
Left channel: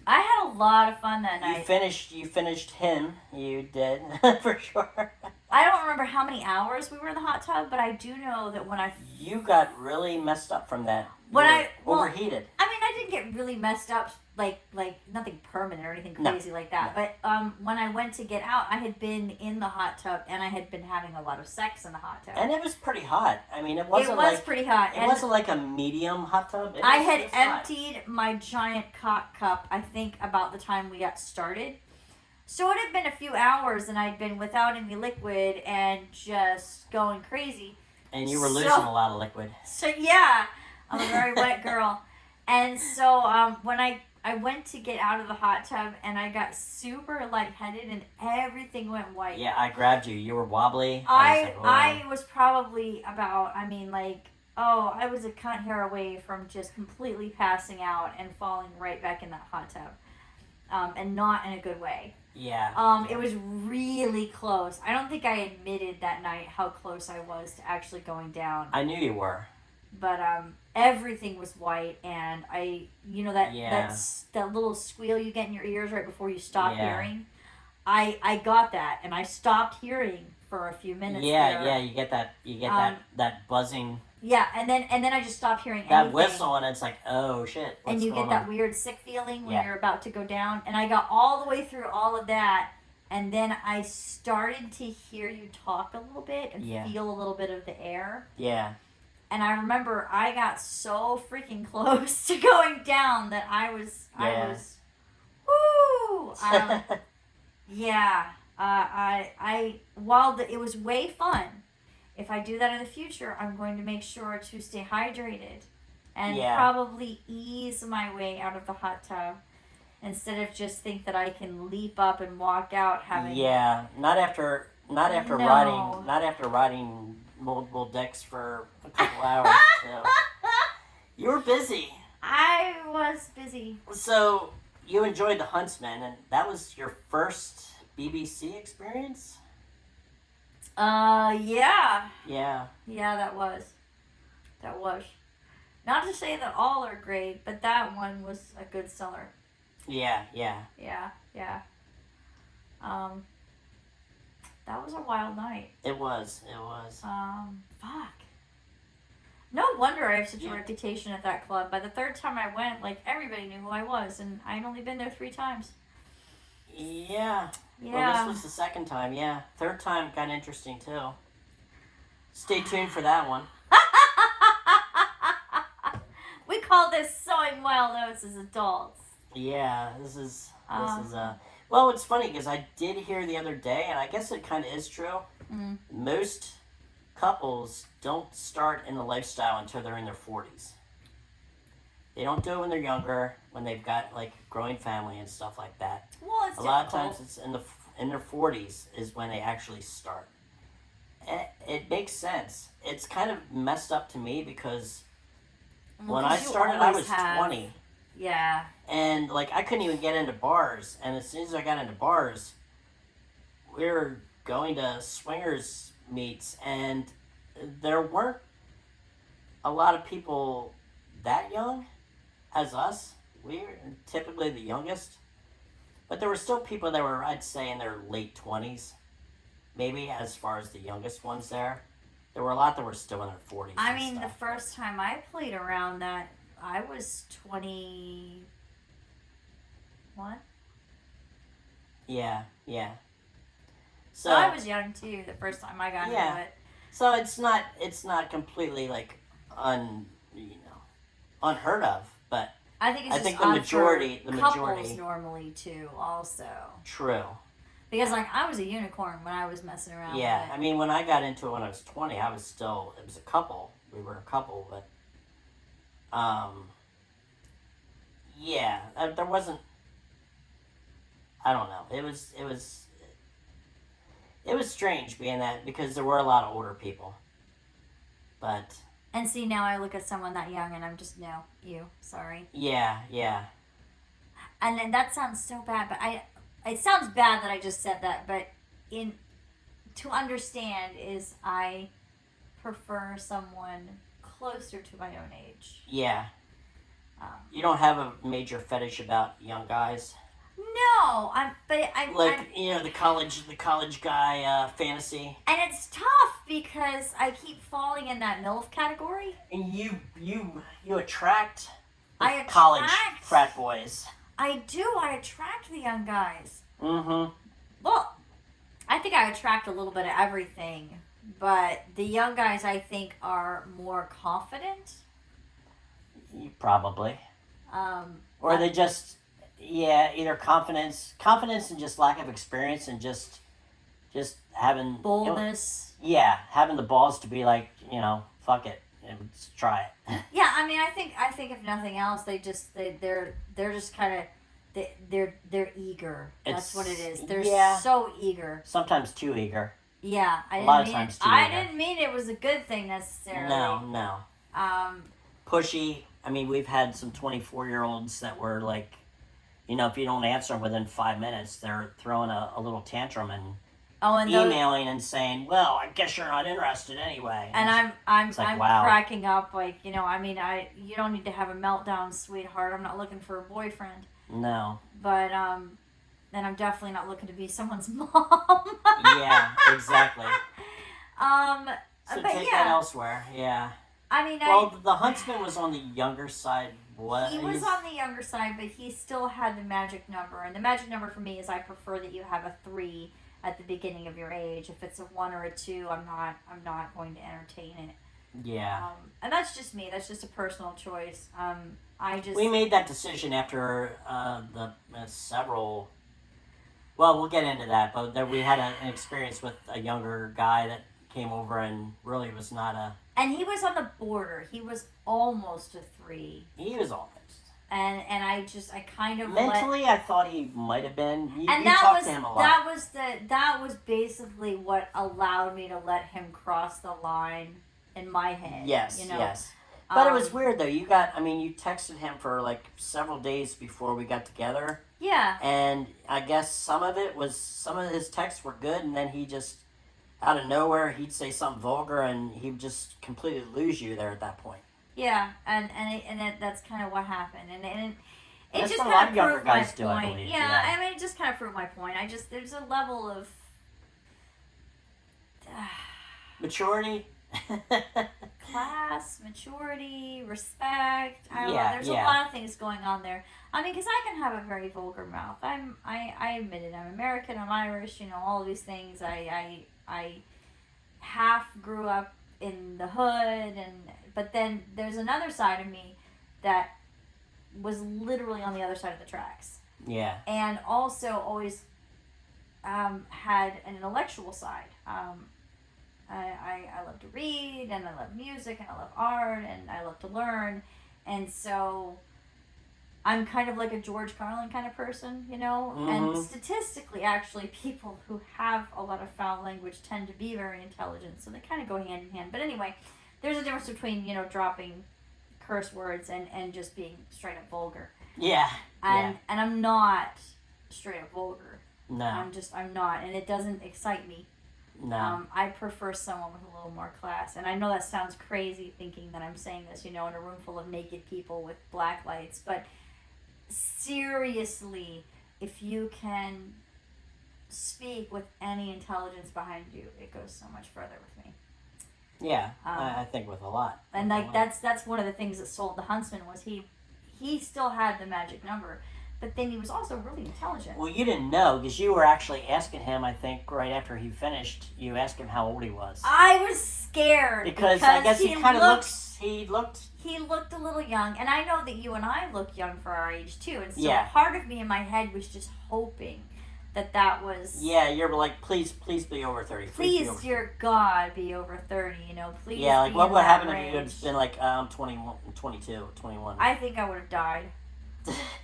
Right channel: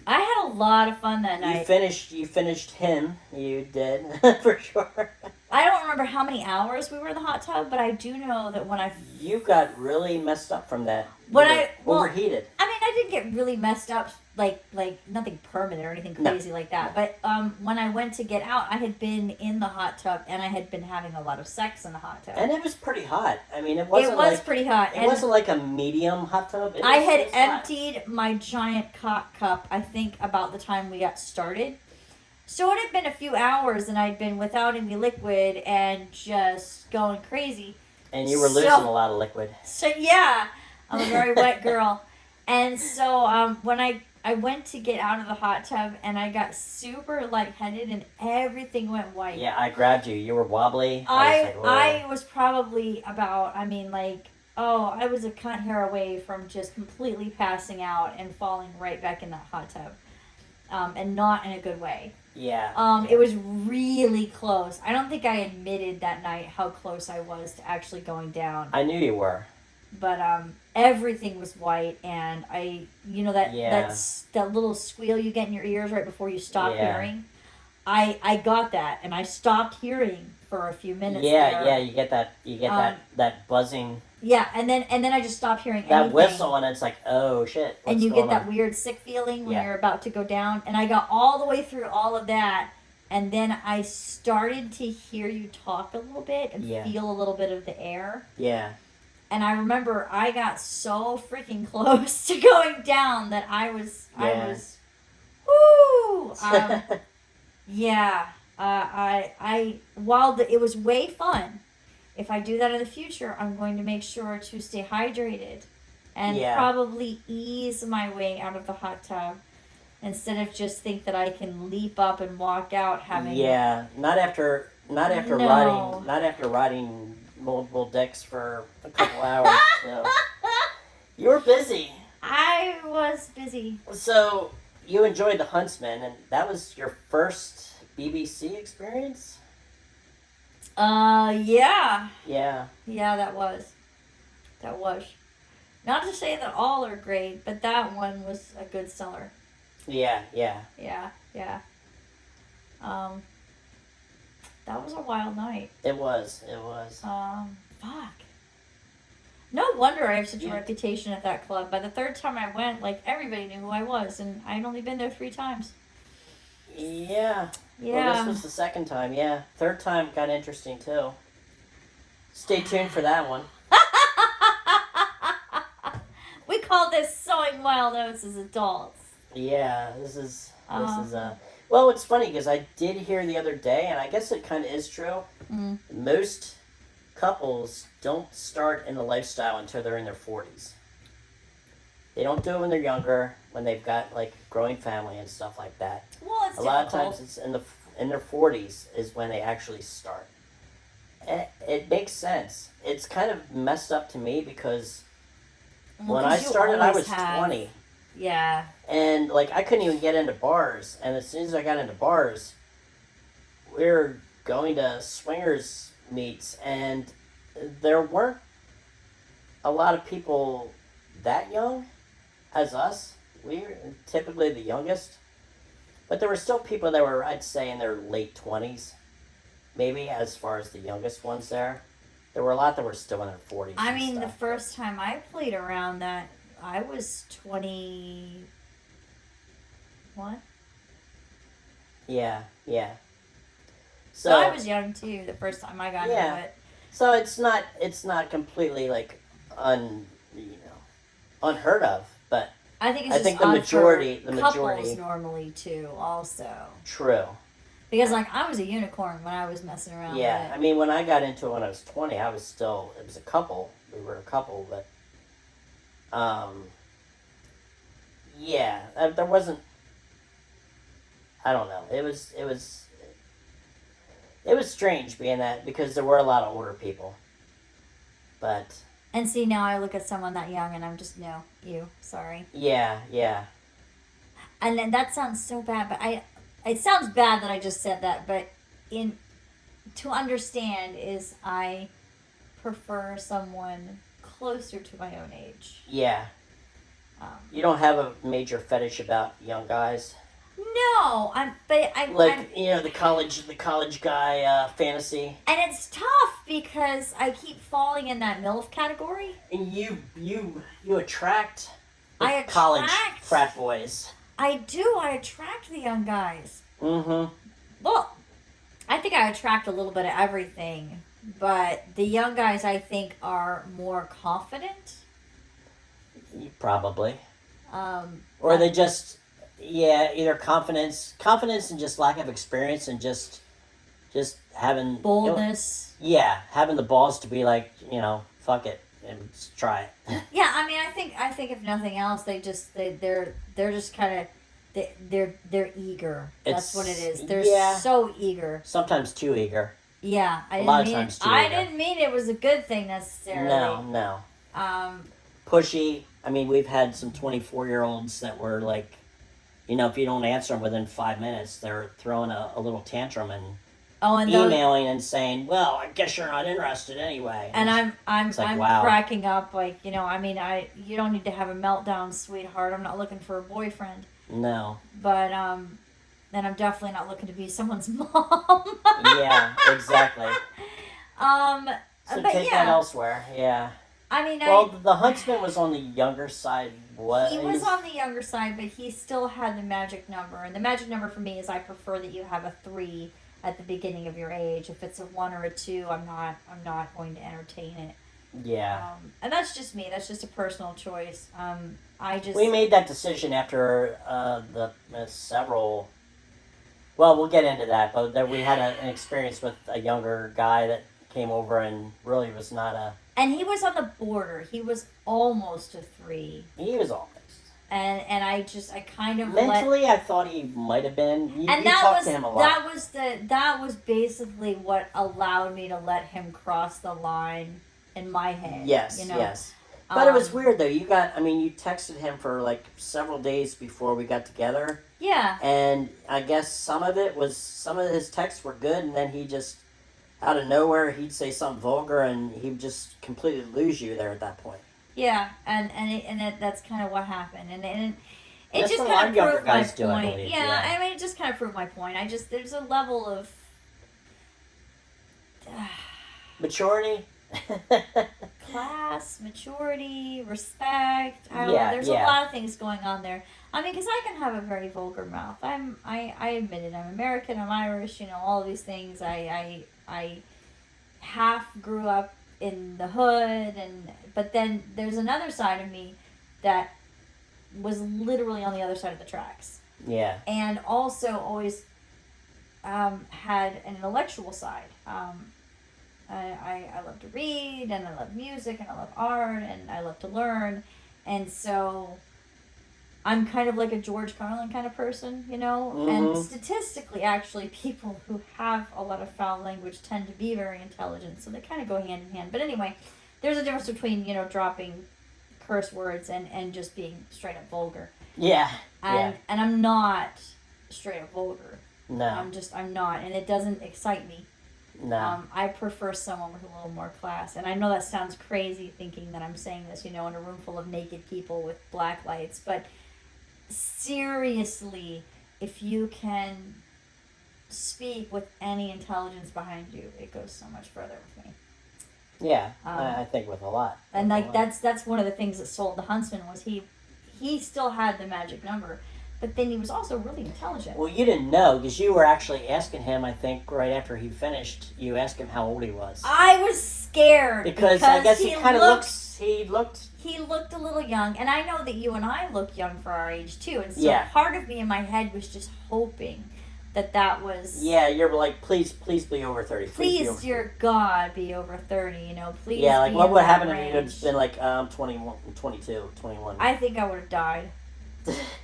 I had a lot of fun that you night. finished him. You did for sure. I don't remember how many hours we were in the hot tub, but I do know that when I You got really messed up from that. When You I- were well, overheated. I mean, I didn't get really messed up, like nothing permanent or anything No. crazy like that. But when I went to get out, I had been in the hot tub and I had been having a lot of sex in the hot tub. And it was pretty hot. I mean, it It wasn't was like pretty hot. it And wasn't like a medium hot tub. I had it was hot. emptied my giant cock cup, I think, about the time we got started. So it had been a few hours and I'd been without any liquid and just going crazy. And you were So- losing a lot of liquid. So yeah, I'm a very wet girl. And so when I went to get out of the hot tub and I got super lightheaded and everything went white. Yeah, I grabbed you. You were wobbly. I was probably about, I was a cunt hair away from just completely passing out and falling right back in that hot tub. And not in a good way. Yeah. It was really close. I don't think I admitted that night how close I was to actually going down. I knew you were. But everything was white, and Yeah. that little squeal you get in your ears right before you stop Yeah. hearing. I got that, and I stopped hearing for a few minutes. Yeah, there. yeah. You get that buzzing, Yeah, and then I just stopped hearing that anything. whistle, and it's like, oh shit. And what's you get going that on? weird sick feeling when Yeah. you're about to go down. And I got all the way through all of that, and then I started to hear you talk a little bit and Yeah. feel a little bit of the air. Yeah. And I remember I got so freaking close to going down that I was, woo! Yeah. It was way fun. If I do that in the future, I'm going to make sure to stay hydrated and Yeah. probably ease my way out of the hot tub instead of just think that I can leap up and walk out having. Yeah. Not after No. riding multiple decks for a couple hours. So. You were busy. I was busy. So you enjoyed the Huntsman, and that was your first BBC experience? Yeah. Yeah. Yeah, that was. Not to say that all are great, but that one was a good seller. Yeah, yeah. Yeah. That was a wild night. It was. Fuck. No wonder I have such a Yeah. reputation at that club. By the third time I went, everybody knew who I was, and I'd only been there 3 times. Yeah. Yeah. Well, this was the second time, yeah. Third time got interesting, too. Stay tuned for that one. We call this sowing wild oats as adults. Yeah, this is, Oh. well, it's funny, because I did hear the other day, and I guess it kind of is true. Mm. Most couples don't start in the lifestyle until they're in their 40s. They don't do it when they're younger, when they've got, growing family and stuff like that. Well, it's A lot of difficult. times it's in their 40s is when they actually start. It makes sense. It's kind of messed up to me because Well, when I 'cause you started, I always was have- 20. Yeah. And, I couldn't even get into bars. And as soon as I got into bars, we were going to swingers meets. And there weren't a lot of people that young as us. We were typically the youngest. But there were still people that were, I'd say, in their late 20s. Maybe as far as the youngest ones there. There were a lot that were still in their 40s. I and mean, the stuff. first time I played around that, I was 21. Yeah, yeah. So I was young too the first time I got Yeah. into it. So it's not completely unheard of, but I think it's I just think the odd majority- for the couples majority- normally too, also. true. Because I was a unicorn when I was messing around Yeah, with I it. mean, when I got into it when I was 20, it was a couple. We were a couple, but yeah, there wasn't. I don't know. It was strange being that because there were a lot of older people, but And see, now I look at someone that young and I'm just, no, you, sorry. Yeah, yeah. And then that sounds so bad, but it sounds bad that I just said that, but to understand is I prefer someone closer to my own age. Yeah. Um, You don't have a major fetish about young guys? no, Like, you know, the college guy fantasy. and it's tough because I keep falling in that MILF category. And you attract the I college attract- frat boys. I do. I attract the young guys. Mm-hmm. Well, I think I attract a little bit of everything, but the young guys I think are more confident. Probably. Or they just, either confidence and just lack of experience and just having boldness. Having the balls to be like, fuck it and let's try it. Yeah, I mean, I think if nothing else, they're just kind of they're eager. That's what it is. They're so eager. Sometimes too eager. Yeah, A lot of times too I eager. didn't mean it was a good thing necessarily. No. Um, Pushy. I mean, we've had some 24-year-olds that were like, if you don't answer them within 5 minutes, they're throwing a little tantrum and and emailing and saying, "Well, I guess you're not interested anyway." And I'm like, wow. cracking up, like, you don't need to have a meltdown, sweetheart. I'm not looking for a boyfriend. No. But and I'm definitely not looking to be someone's mom. Yeah, exactly. So take that elsewhere. Yeah. I mean, the huntsman was on the younger side. What? He was on the younger side, but he still had the magic number. And the magic number for me is I prefer that you have a 3 at the beginning of your age. If it's a 1 or a 2, I'm not going to entertain it. Yeah. And that's just me. That's just a personal choice. We made that decision after the several. Well, we'll get into that, but that we had an experience with a younger guy that came over and really was not a. And he was on the border. He was almost a 3. He was almost. And I kind of mentally, I thought he might have been. You that talked was to him a lot. that was basically what allowed me to let him cross the line in my head. Yes, yes. But it was weird though. You texted him for like several days before we got together. Yeah. And I guess some of his texts were good, and then he just out of nowhere he'd say something vulgar, and he'd just completely lose you there at that point. Yeah, and that's kind of what happened, and it that's just what kind of proved my do, point. I believe. Yeah, I mean, it just kind of proved my point. There's a level of maturity. Class, maturity, respect. There's a yeah. lot of things going on there. I mean, because I can have a very vulgar mouth. I admit it. I'm American. I'm Irish. All of these things. I half grew up in the hood, but then there's another side of me that was literally on the other side of the tracks. Yeah. And also always had an intellectual side. I love to read, and I love music, and I love art, and I love to learn. And so I'm kind of like a George Carlin kind of person, Mm-hmm. And statistically, actually, people who have a lot of foul language tend to be very intelligent, so they kind of go hand in hand. But anyway, there's a difference between, dropping curse words and just being straight up vulgar. Yeah. And I'm not straight up vulgar. No. I'm not, and it doesn't excite me. No. I prefer someone with a little more class. And I know that sounds crazy thinking that I'm saying this, in a room full of naked people with black lights. But seriously, if you can speak with any intelligence behind you, it goes so much further with me. Yeah, I think with a lot. And that's one of the things that sold the Huntsman was he still had the magic number. But then he was also really intelligent. Well, you didn't know because you were actually asking him, I think, right after he finished, you asked him how old he was. I was scared. Because I guess he kind of looked... He looked a little young. And I know that you and I look young for our age, too. And so yeah. part of me in my head was just hoping that was... Yeah, you're like, please be over 30. Please, dear God, be over 30, Please. Yeah, like what would happen if you had been like, I'm 21, 22, 21? I think I would have died.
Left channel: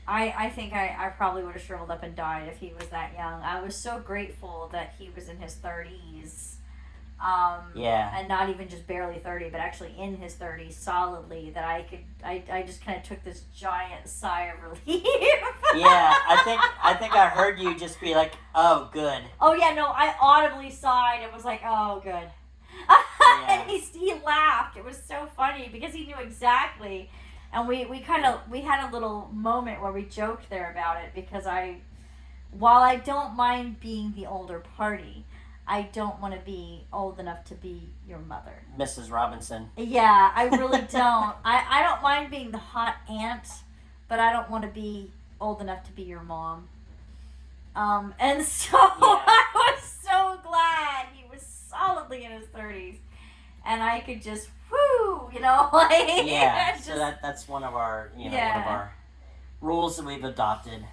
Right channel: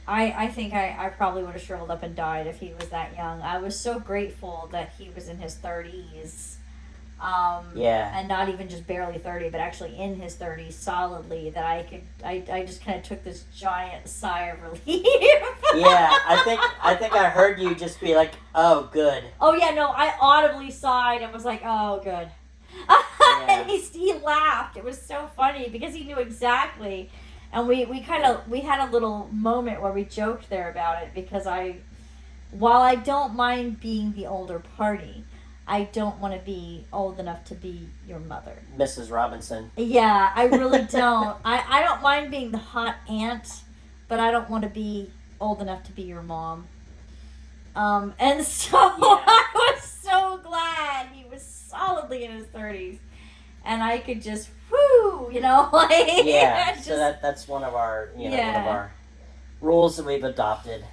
I think I probably would have shriveled up and died if he was that young. I was so grateful that he was in his 30s Yeah. And not even just barely 30, but actually in his 30s solidly, that I just kind of took this giant sigh of relief. Yeah, I think I heard you just be like, "Oh, good." Oh yeah, no, I audibly sighed and was like, "Oh, good." Yeah. And he laughed. It was so funny because he knew exactly, and we had a little moment where we joked there about it because while I don't mind being the older party, I don't want to be old enough to be your mother. Mrs. Robinson. Yeah, I really don't. I don't mind being the hot aunt, but I don't want to be old enough to be your mom. And so I was so glad he was solidly in his 30s, and I could just like Yeah. just, So that's one of our one of Yeah. our rules that we've adopted.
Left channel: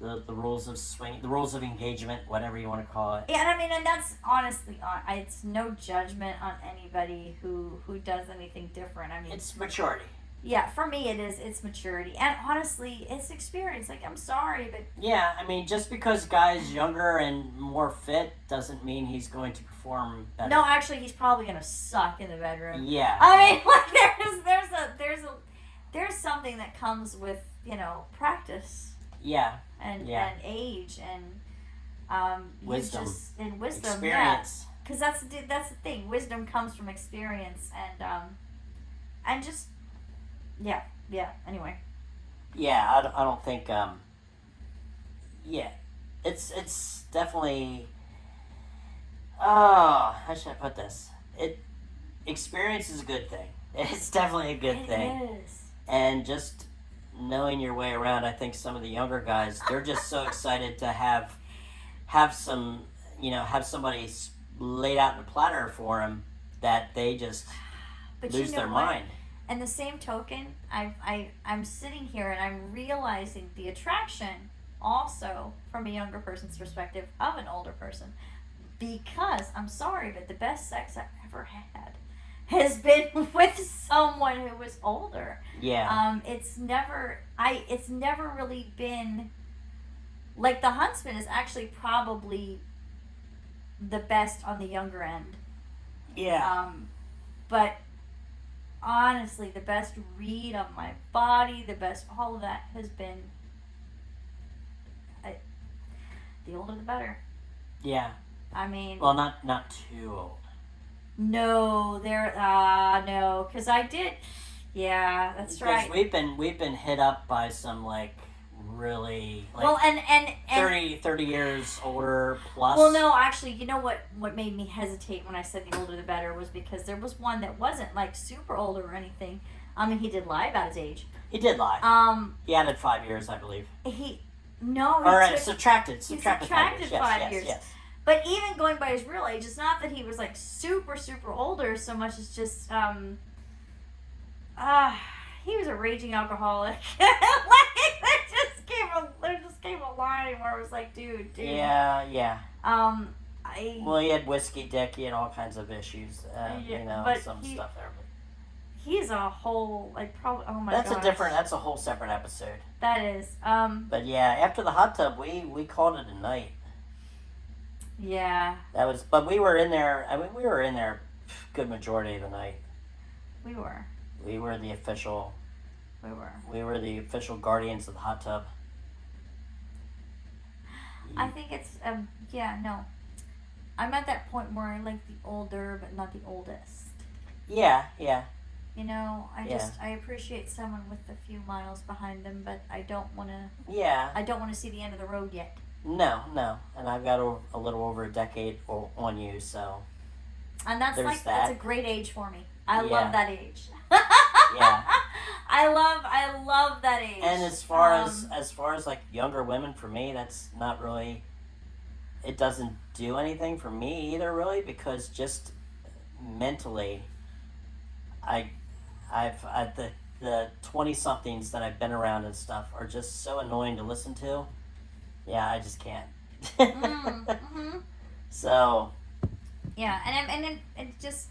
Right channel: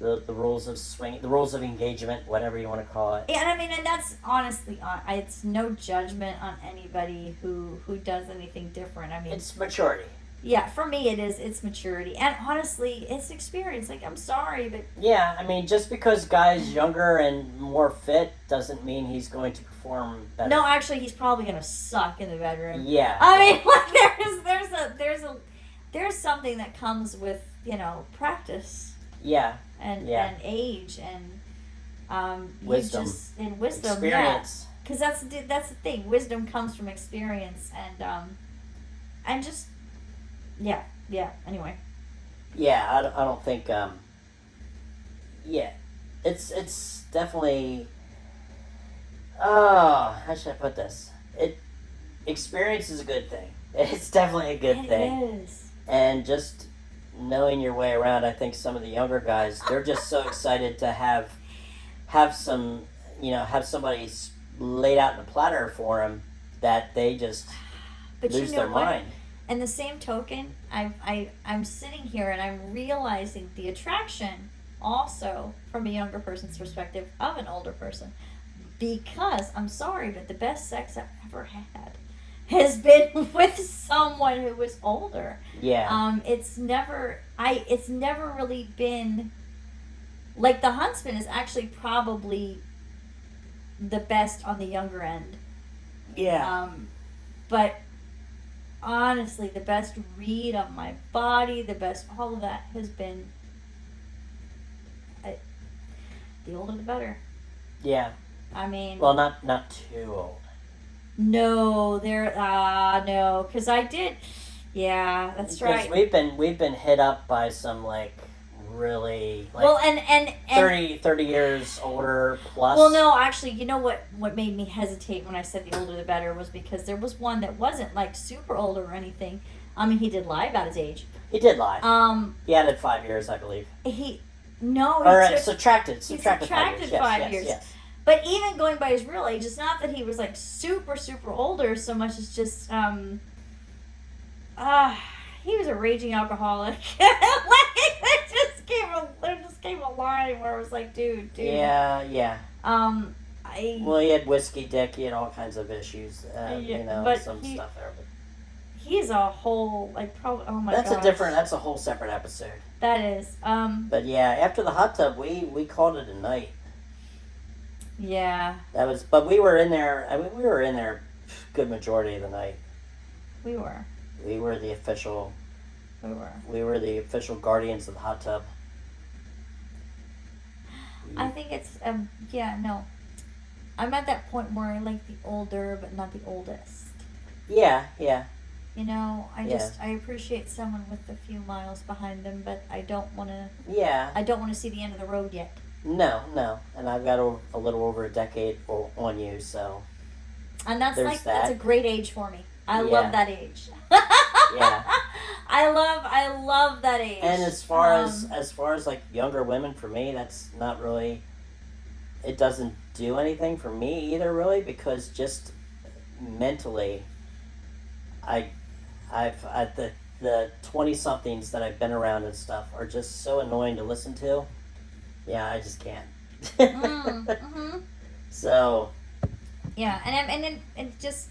The rules of swing, the rules of engagement, whatever you want to call it. Yeah, and I mean, and that's honestly, it's no judgment on anybody who does anything different. I mean, It's maturity. yeah, for me it's maturity, and honestly, it's experience. Like, I'm sorry, but Yeah, I mean, just because guy's younger and more fit doesn't mean he's going to perform better. no, actually, he's probably gonna suck in the bedroom. Yeah. I mean, like, there's something that comes with practice Yeah. and age and Wisdom. and wisdom, Experience. because that's the thing. Wisdom comes from experience and just anyway. Yeah, I don't think. Yeah, it's definitely. Oh, how should I put this? Experience is a good thing. It's definitely a good thing. It is. And just knowing your way around, I think some of the younger guys, they're just so excited to have some, have somebody laid out in a platter for them that they just But lose you know their what? mind. And the same token, I'm sitting here and I'm realizing the attraction also from a younger person's perspective of an older person, because I'm sorry, but the best sex I've ever had has been with someone who was older. Yeah. It's never really been like The Huntsman is actually probably the best on the younger end. Yeah. But honestly, the best read on my body, the best all of that has been the older the better. Yeah. I mean, Well, not too old. no, because I did. Yeah, that's Because right. we've been hit up by some really Well, and 30 years older plus. well, no, actually, you know what made me hesitate when I said the older the better was because there was one that wasn't like super older or anything. I mean, he did lie about his age. He did lie. He added 5 years, I believe. He Subtracted 5 years. Yes, 5 yes, years. yes. But even going by his real age, it's not that he was like super super older so much as just he was a raging alcoholic. There just came a line where it was like, dude. Yeah. Well, he had whiskey dick. He had all kinds of issues. but some stuff there. But he's a whole probably. Oh my god. That's a whole separate episode. That is. But yeah, after the hot tub, we called it a night. Yeah. But we were in there. I mean, we were in there good majority of the night. We were. We were the official. We were. We were the official guardians of the hot tub. I think it's no. I'm at that point where I like the older but not the oldest. Yeah. I appreciate someone with a few miles behind them, but I don't want to. Yeah. I don't want to see the end of the road yet. No, and I've got a little over a decade on you, so. And that's that's a great age for me. I love that age. Yeah. I love that age. And as far as like younger women, for me, that's not really. It doesn't do anything for me either, really, because just mentally, the 20-somethings that I've been around and stuff are just so annoying to listen to. Yeah, I just can't. Mm-hmm. So. Yeah, and just.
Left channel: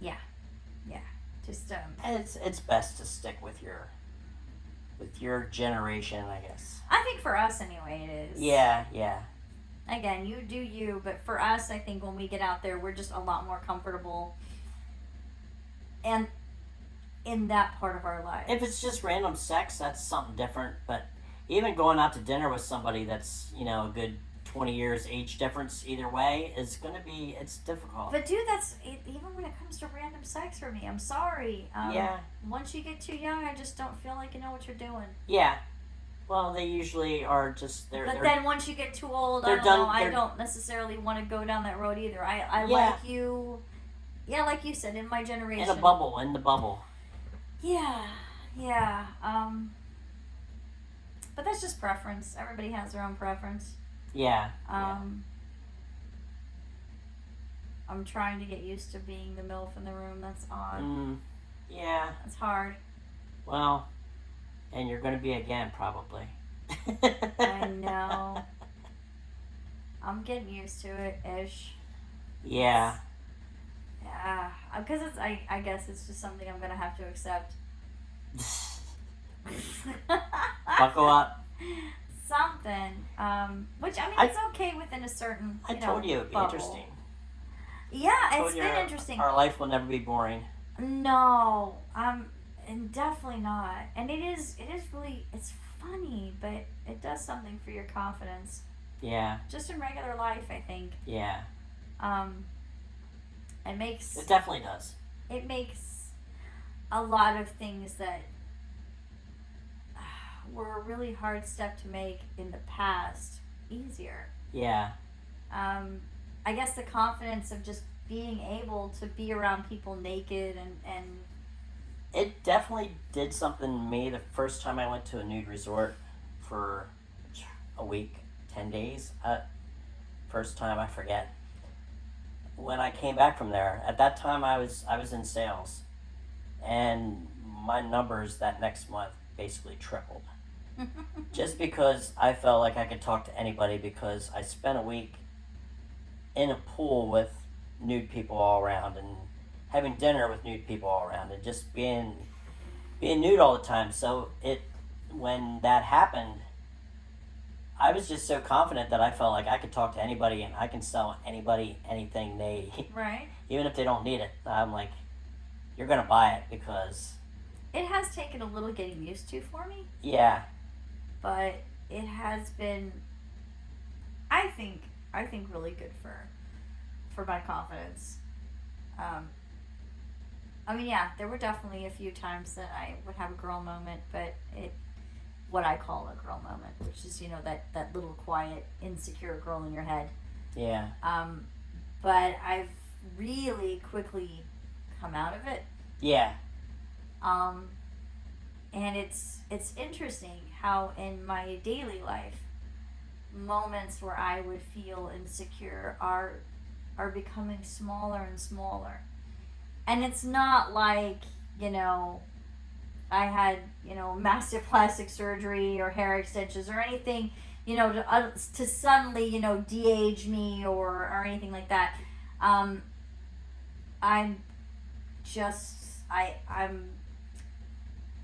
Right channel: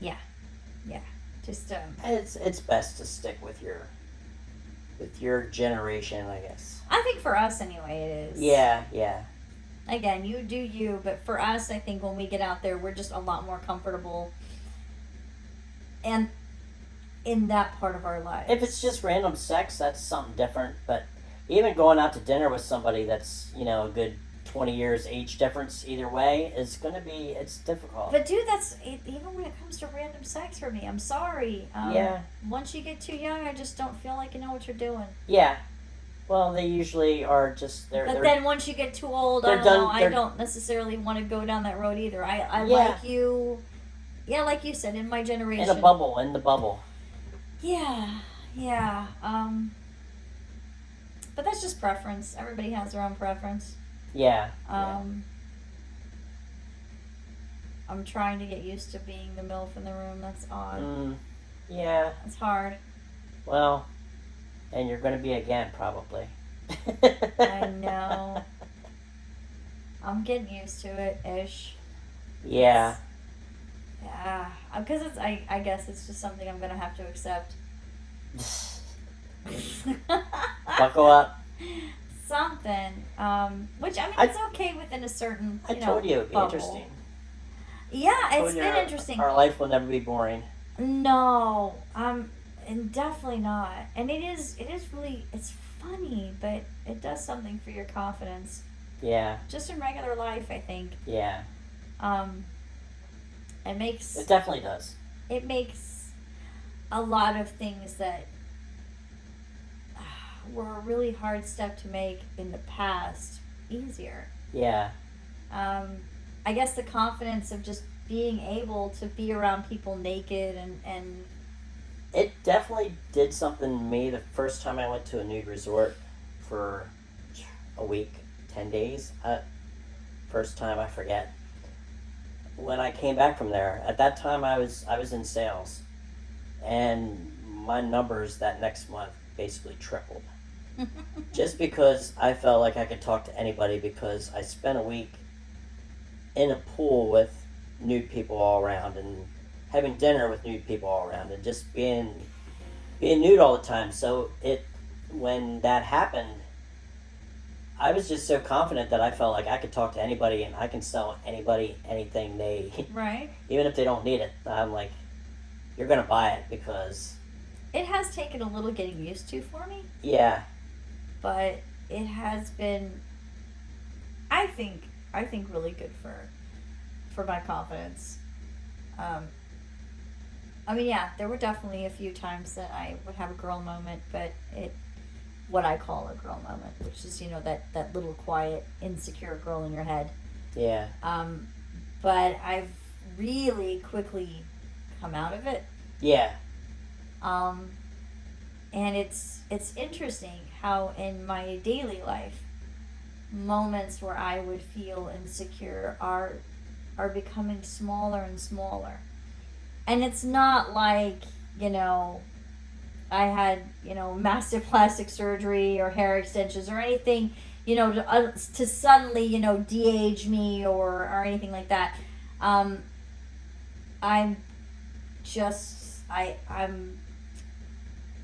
Yeah. Just It's best to stick with your generation, I guess. I think for us anyway, it is. Yeah. again, you do you, but for us, I think when we get out there, we're just a lot more comfortable and in that part of our lives. If it's just random sex, that's something different. But even going out to dinner with somebody that's, a good 20 years age difference either way is going to be, it's difficult. But dude, even when it comes to random sex for me, I'm sorry. Yeah. Once you get too young, I just don't feel like you know what you're doing. Yeah. Well, they usually are just, But then once you get too old, I don't necessarily want to go down that road either. I like you, like you said, in my generation. In the bubble. Yeah. But that's just preference. Everybody has their own preference. Yeah. I'm trying to get used to being the MILF in the room. That's odd. Yeah. It's hard. Well, and you're going to be again, probably. I know. I'm getting used to it, ish. Yeah. Yeah. Because I guess it's just something I'm going to have to accept. Buckle up. Something. Which, it's okay within a certain, I told you it would be bubble. Interesting. Yeah, it's been interesting. Our life will never be boring. No. And definitely not. And it is really, it's funny, but it does something for your confidence. Yeah. Just in regular life, I think. Yeah. It definitely does. It makes a lot of things that were a really hard step to make in the past easier. Yeah. I guess the confidence of just being able to be around people naked and it definitely did something to me the first time I went to a nude resort for a week, 10 days. First time, I forget. When I came back from there, at that time I was in sales, and my numbers that next month basically tripled. Just because I felt like I could talk to anybody, because I spent a week in a pool with nude people all around and having dinner with nude people all around and just being nude all the time. So when that happened, I was just so confident that I felt like I could talk to anybody and I can sell anybody anything they right. Even if they don't need it. I'm like, you're gonna buy it because it has taken a little getting used to for me. Yeah. But it has been, I think really good for my confidence. There were definitely a few times that I would have a girl moment, but what I call a girl moment, which is, that little quiet, insecure girl in your head. Yeah. But I've really quickly come out of it. Yeah. And it's interesting how in my daily life, moments where I would feel insecure are becoming smaller and smaller. And it's not like, I had, massive plastic surgery or hair extensions or anything, to suddenly, de-age me or anything like that.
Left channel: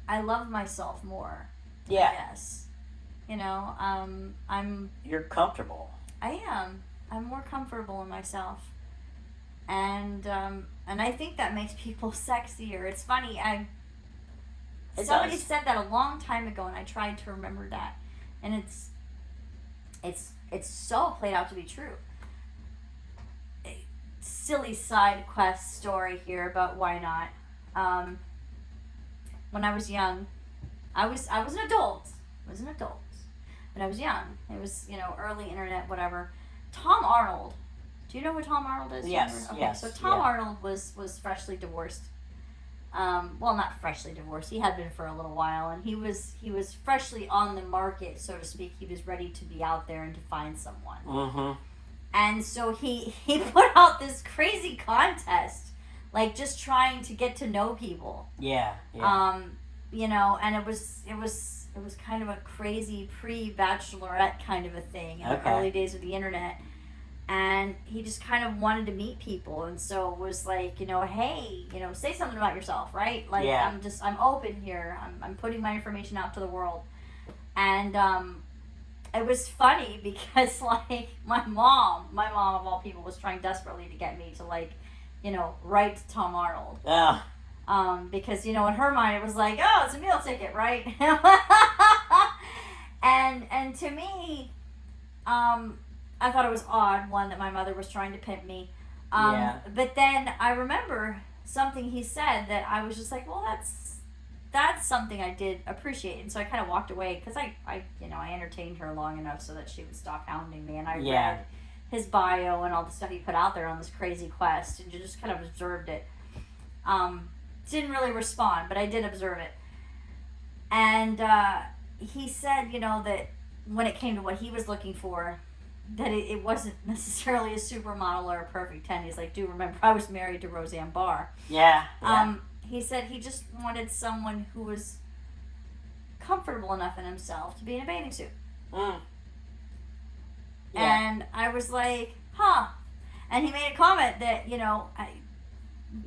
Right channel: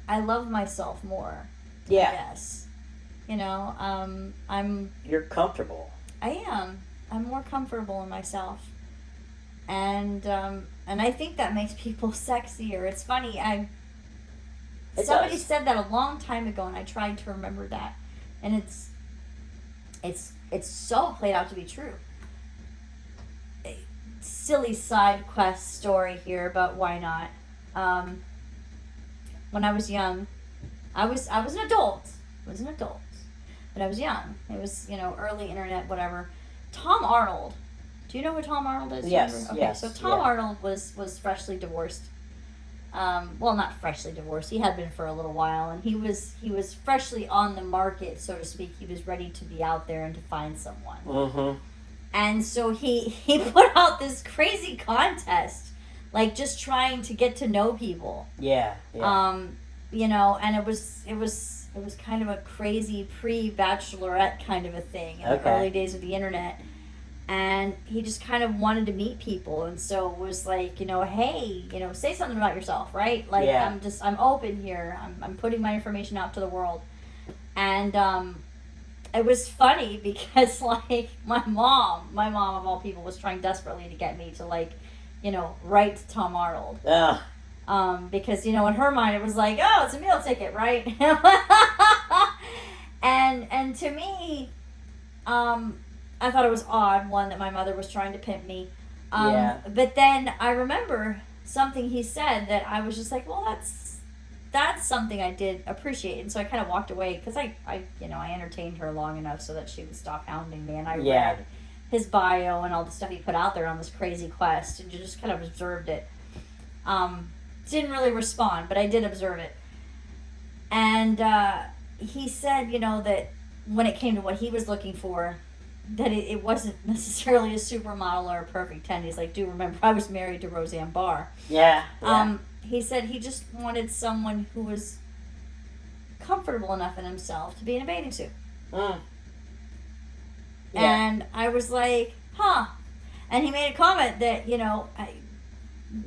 I love myself more. Yeah. I guess. You're comfortable. I am. I'm more comfortable in myself. And I think that makes people sexier. It's funny. Somebody said that a long time ago, and I tried to remember that, and it's so played out to be true. A silly side quest story here, but why not? When I was young, I was an adult. But I was young. It was early internet, whatever. Tom Arnold. Do you know who Tom Arnold is? Yes. Okay, yes. So Tom Arnold was freshly divorced. Well, not freshly divorced. He had been for a little while, and he was freshly on the market, so to speak. He was ready to be out there and to find someone. Mm-hmm. And so he put out this crazy contest, like just trying to get to know people. Yeah. Yeah. And it was kind of a crazy pre-bachelorette kind of a thing in the early days of the internet. And he just kind of wanted to meet people, and so it was like, hey, say something about yourself, right? Like, yeah. I'm open here. I'm putting my information out to the world. And it was funny because like my mom of all people was trying desperately to get me to like, write to Tom Arnold. Because in her mind it was like, oh, it's a meal ticket, right? and to me, I thought it was odd, one, that my mother was trying to pimp me. But then I remember something he said that I was just like, well, that's something I did appreciate. And so I kind of walked away because I entertained her long enough so that she would stop hounding me. And I read his bio and all the stuff he put out there on this crazy quest and just kind of observed it. Didn't really respond, but I did observe it. And he said, that when it came to what he was looking for, that it wasn't necessarily a supermodel or a perfect 10. He's like, do remember I was married to Roseanne Barr. Yeah. He said he just wanted someone who was comfortable enough in himself to be in a bathing suit. Yeah. And I was like, huh. And he made a comment that,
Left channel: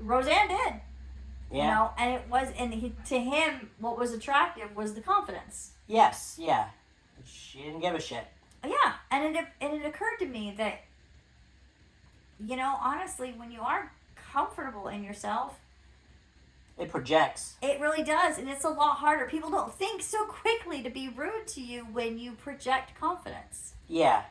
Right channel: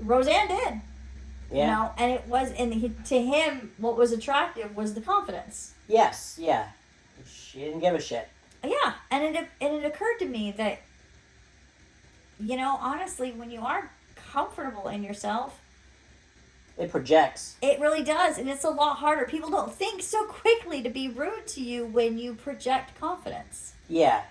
Roseanne did. Yeah. And it was, to him, what was attractive was the confidence. Yes, yeah. She didn't give a shit. Yeah, and it occurred to me that, honestly, when you are comfortable in yourself, it projects. It really does, and it's a lot harder. People don't think so quickly to be rude to you when you project confidence. Yeah.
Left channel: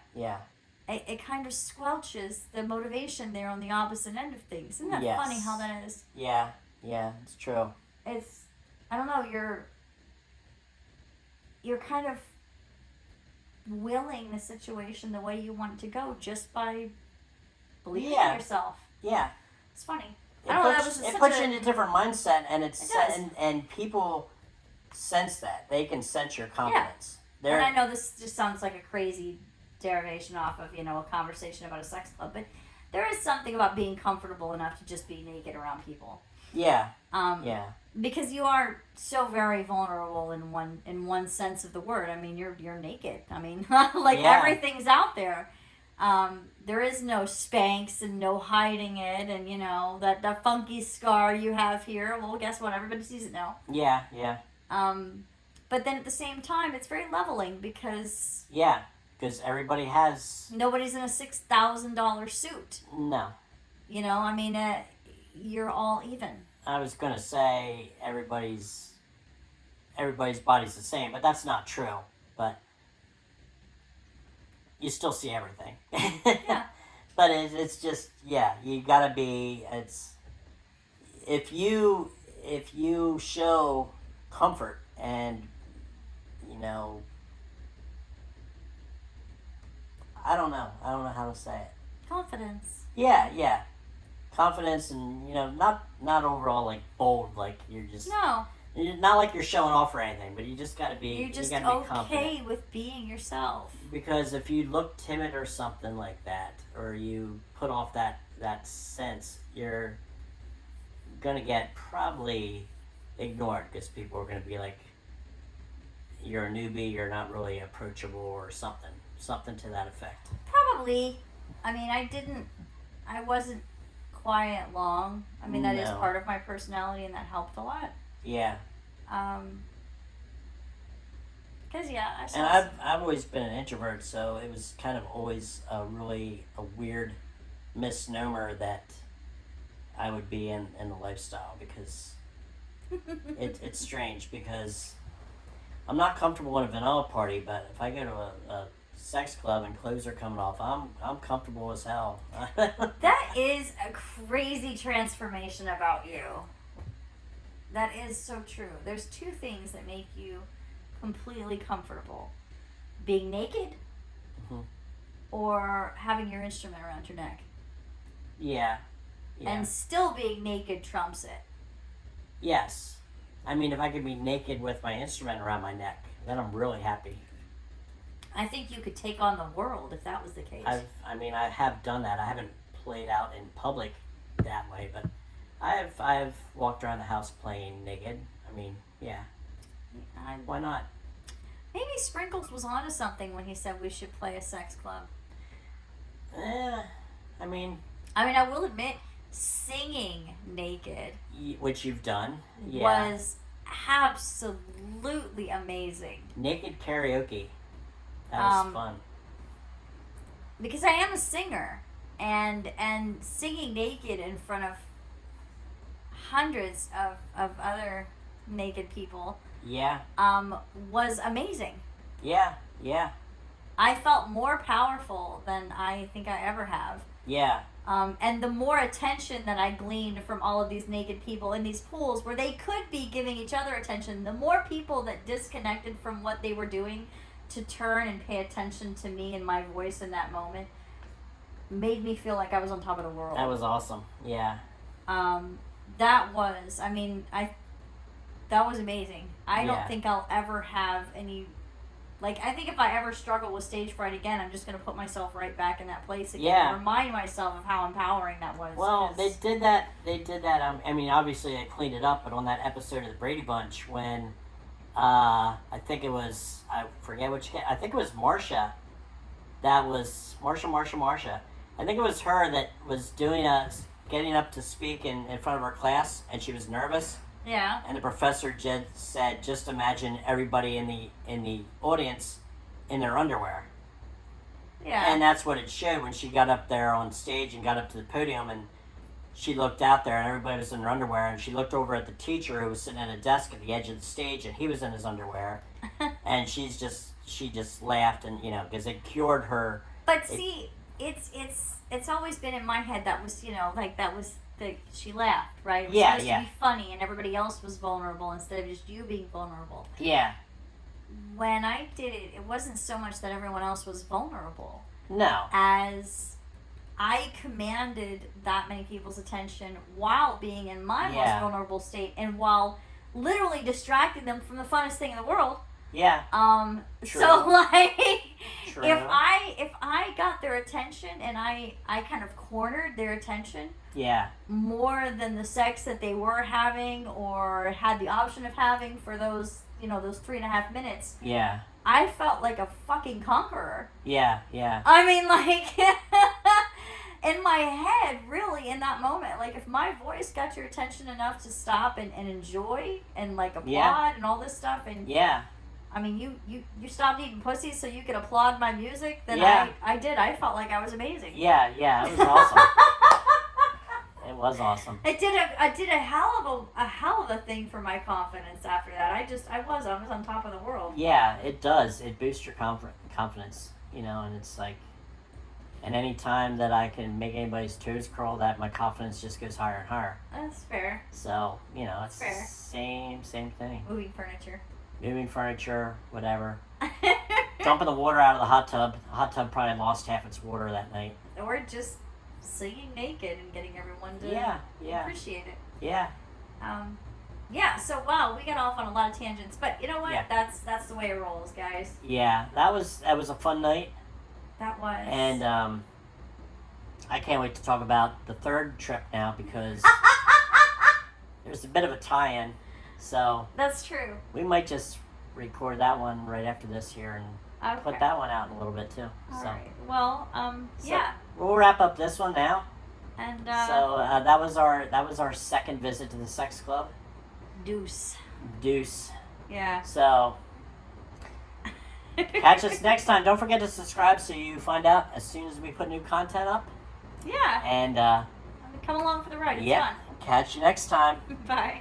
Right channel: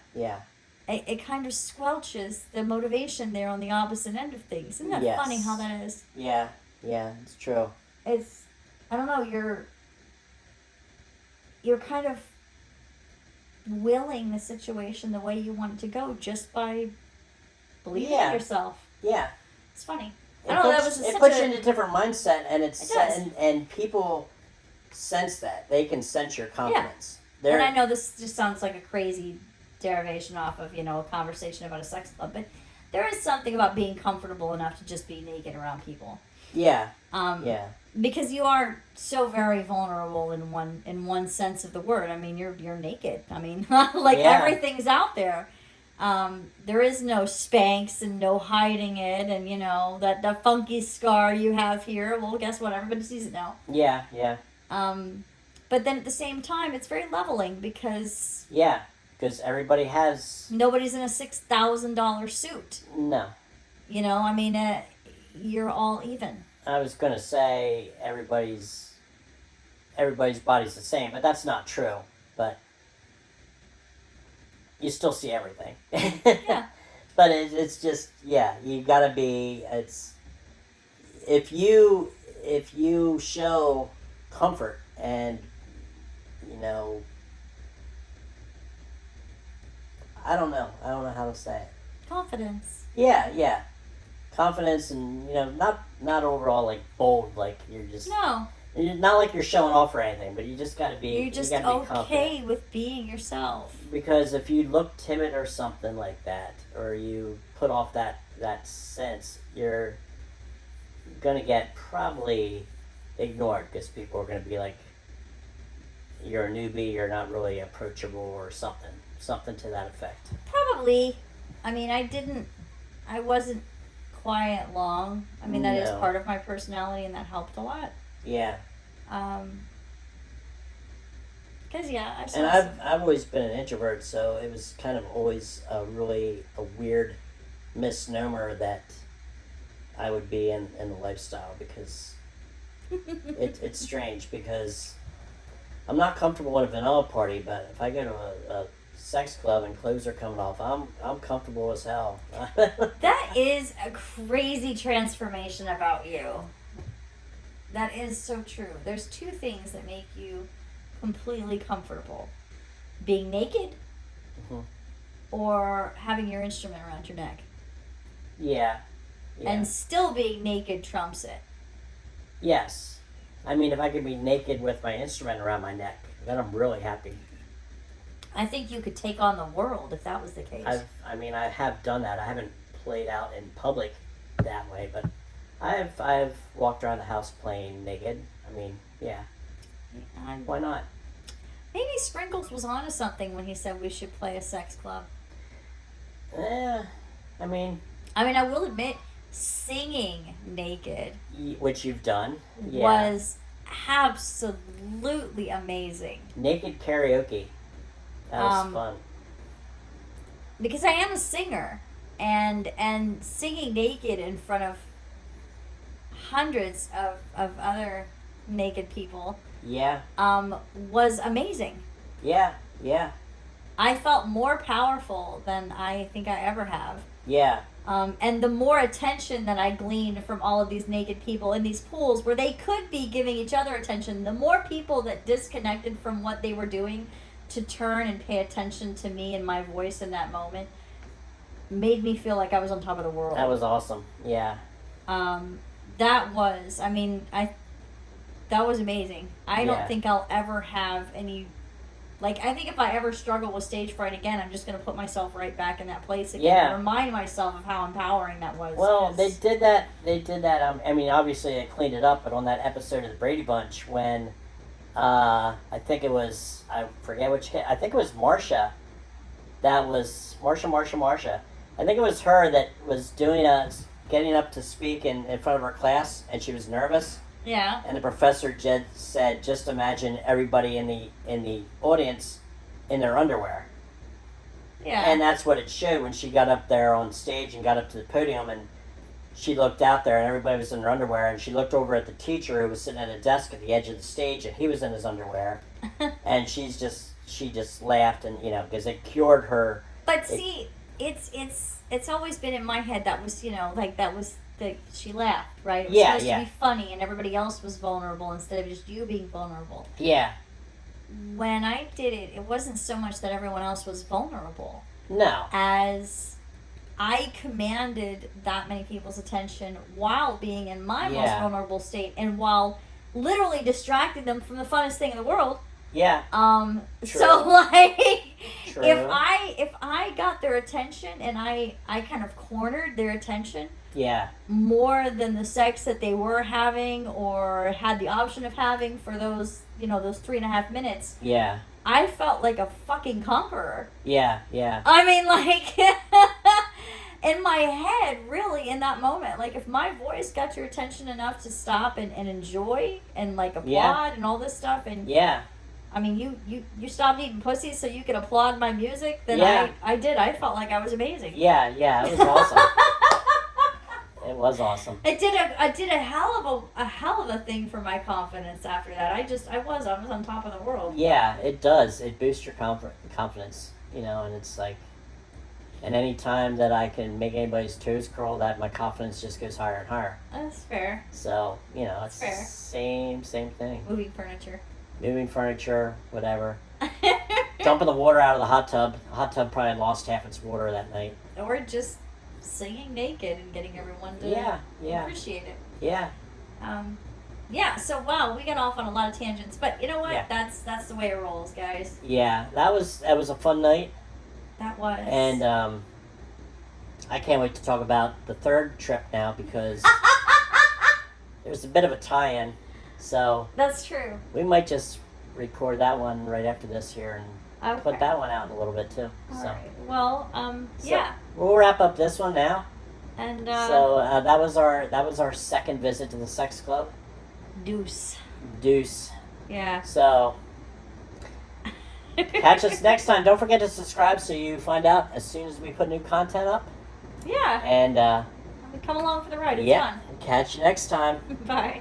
It kind of squelches the motivation there on the opposite end of things. Isn't that funny how that is? Yeah, it's true. It's, I don't know, you're kind of willing the situation the way you want it to go just by believing in yourself. Yeah. It's funny. It puts you in a different mindset, and and people sense that. They can sense your confidence. Yeah. And I know this just sounds like a crazy derivation off of, a conversation about a sex club, but there is something about being comfortable enough to just be naked around people. Yeah. Because you are so very vulnerable in one sense of the word. I mean, you're naked. I mean, everything's out there. There is no Spanx and no hiding it, and that funky scar you have here. Well, guess what? Everybody sees it now. Yeah. But then at the same time, it's very leveling because everybody has. Nobody's in a $6,000 suit. No. I mean, you're all even. I was gonna say everybody's body's the same, but that's not true. But you still see everything. Yeah. But it's just you gotta be. It's if you show comfort and I don't know how to say it. Confidence. Yeah. Confidence and not overall like bold, like you're just not like you're showing off or anything, but you just gotta be. You're just okay with being yourself. Because if you look timid or something like that, or you put off that sense, you're gonna get probably ignored because people are gonna be like, you're a newbie, you're not really approachable or something to that effect. Probably. I mean, I wasn't quiet long. I mean, that is part of my personality, and that helped a lot. Yeah. Because I've always been an introvert, so it was kind of always a weird misnomer that I would be in the lifestyle, because it's strange, because I'm not comfortable in a vanilla party, but if I go to a sex club and clothes are coming off, I'm comfortable as hell. That is a crazy transformation about you. That is so true. There's two things that make you completely comfortable: being naked, or having your instrument around your neck. Yeah. And still being naked trumps it. Yes. I mean, if I could be naked with my instrument around my neck, then I'm really happy. I think you could take on the world if that was the case. I have done that. I haven't played out in public that way, but I've walked around the house playing naked. I mean, yeah. Why not? Maybe Sprinkles was onto something when he said we should play a sex club. I mean, I will admit, singing naked, which you've done, was absolutely amazing. Naked karaoke. That was Um, fun. because I am a singer, and singing naked in front of hundreds of other naked people Yeah, was amazing. yeah, yeah, I felt more powerful than I think I ever have. yeah, And the more attention that I gleaned from all of these naked people in these pools where they could be giving each other attention, the more people that disconnected from what they were doing to turn and pay attention to me and my voice in that moment made me feel like I was on top of the world. that was awesome. Yeah, That was, I mean, that was amazing. I don't Yeah. think I'll ever have any, like, I think if I ever struggle with stage fright again, I'm just going to put myself right back in that place again. Yeah. And remind myself of how empowering that was. well, 'cause- they did that. They did that. I mean, obviously they cleaned it up, but on that episode of the Brady Bunch, when I think it was, I forget which. I think it was Marsha. That was Marsha. I think it was her that was getting up to speak in front of her class, and she was nervous. Yeah. And the professor said, "Just imagine everybody in the audience in their underwear." Yeah. And that's what it showed when she got up there on stage and got up to the podium, and she looked out there and everybody was in their underwear, and she looked over at the teacher who was sitting at a desk at the edge of the stage, and he was in his underwear, and she just laughed, and because it cured her. But see, it's always been in my head that was, like that was she laughed, right? It was Yeah, supposed yeah. to be funny and everybody else was vulnerable instead of just you being vulnerable. Yeah, When I did it, it wasn't so much that everyone else was vulnerable no, as I commanded that many people's attention while being in my most Yeah. vulnerable state and while literally distracting them from the funnest thing in the world. yeah, So True. like true, if I got their attention and I kind of cornered their attention yeah, more than the sex that they were having or had the option of having for those those 3.5 minutes, yeah, I felt like a fucking conqueror. yeah, yeah, I mean, like in my head, really, in that moment, like if my voice got your attention enough to stop and enjoy and like applaud Yeah. and all this stuff, and yeah, I mean, you stopped eating pussy so you could applaud my music, then Yeah. I did. I felt like I was amazing. yeah, yeah. It was awesome. It was awesome. I did a hell of a thing for my confidence after that. I was on top of the world. Yeah, it does. It boosts your confidence, and it's like, and any time that I can make anybody's toes curl, that my confidence just goes higher and higher. That's fair. So, it's the Fair. same thing. Moving furniture. Moving furniture, whatever. Dumping the water out of the hot tub. The hot tub probably lost half its water that night. Or just singing naked and getting everyone to Yeah. appreciate it. Yeah. Yeah, so wow, we got off on a lot of tangents, but you know what? Yeah. That's the way it rolls, guys. Yeah. That was a fun night. That was. And I can't wait to talk about the third trip now because there's a bit of a tie-in. So That's true. we might just record that one right after this here and Okay. put that one out in a little bit too. All So right. Well, So- yeah. we'll wrap up this one now. And So that was our second visit to the sex club, deuce. Deuce. Yeah. So catch us next time. Don't forget to subscribe so you find out as soon as we put new content up. Yeah. And Come along for the ride. It's yeah, catch you next time. fun. Bye.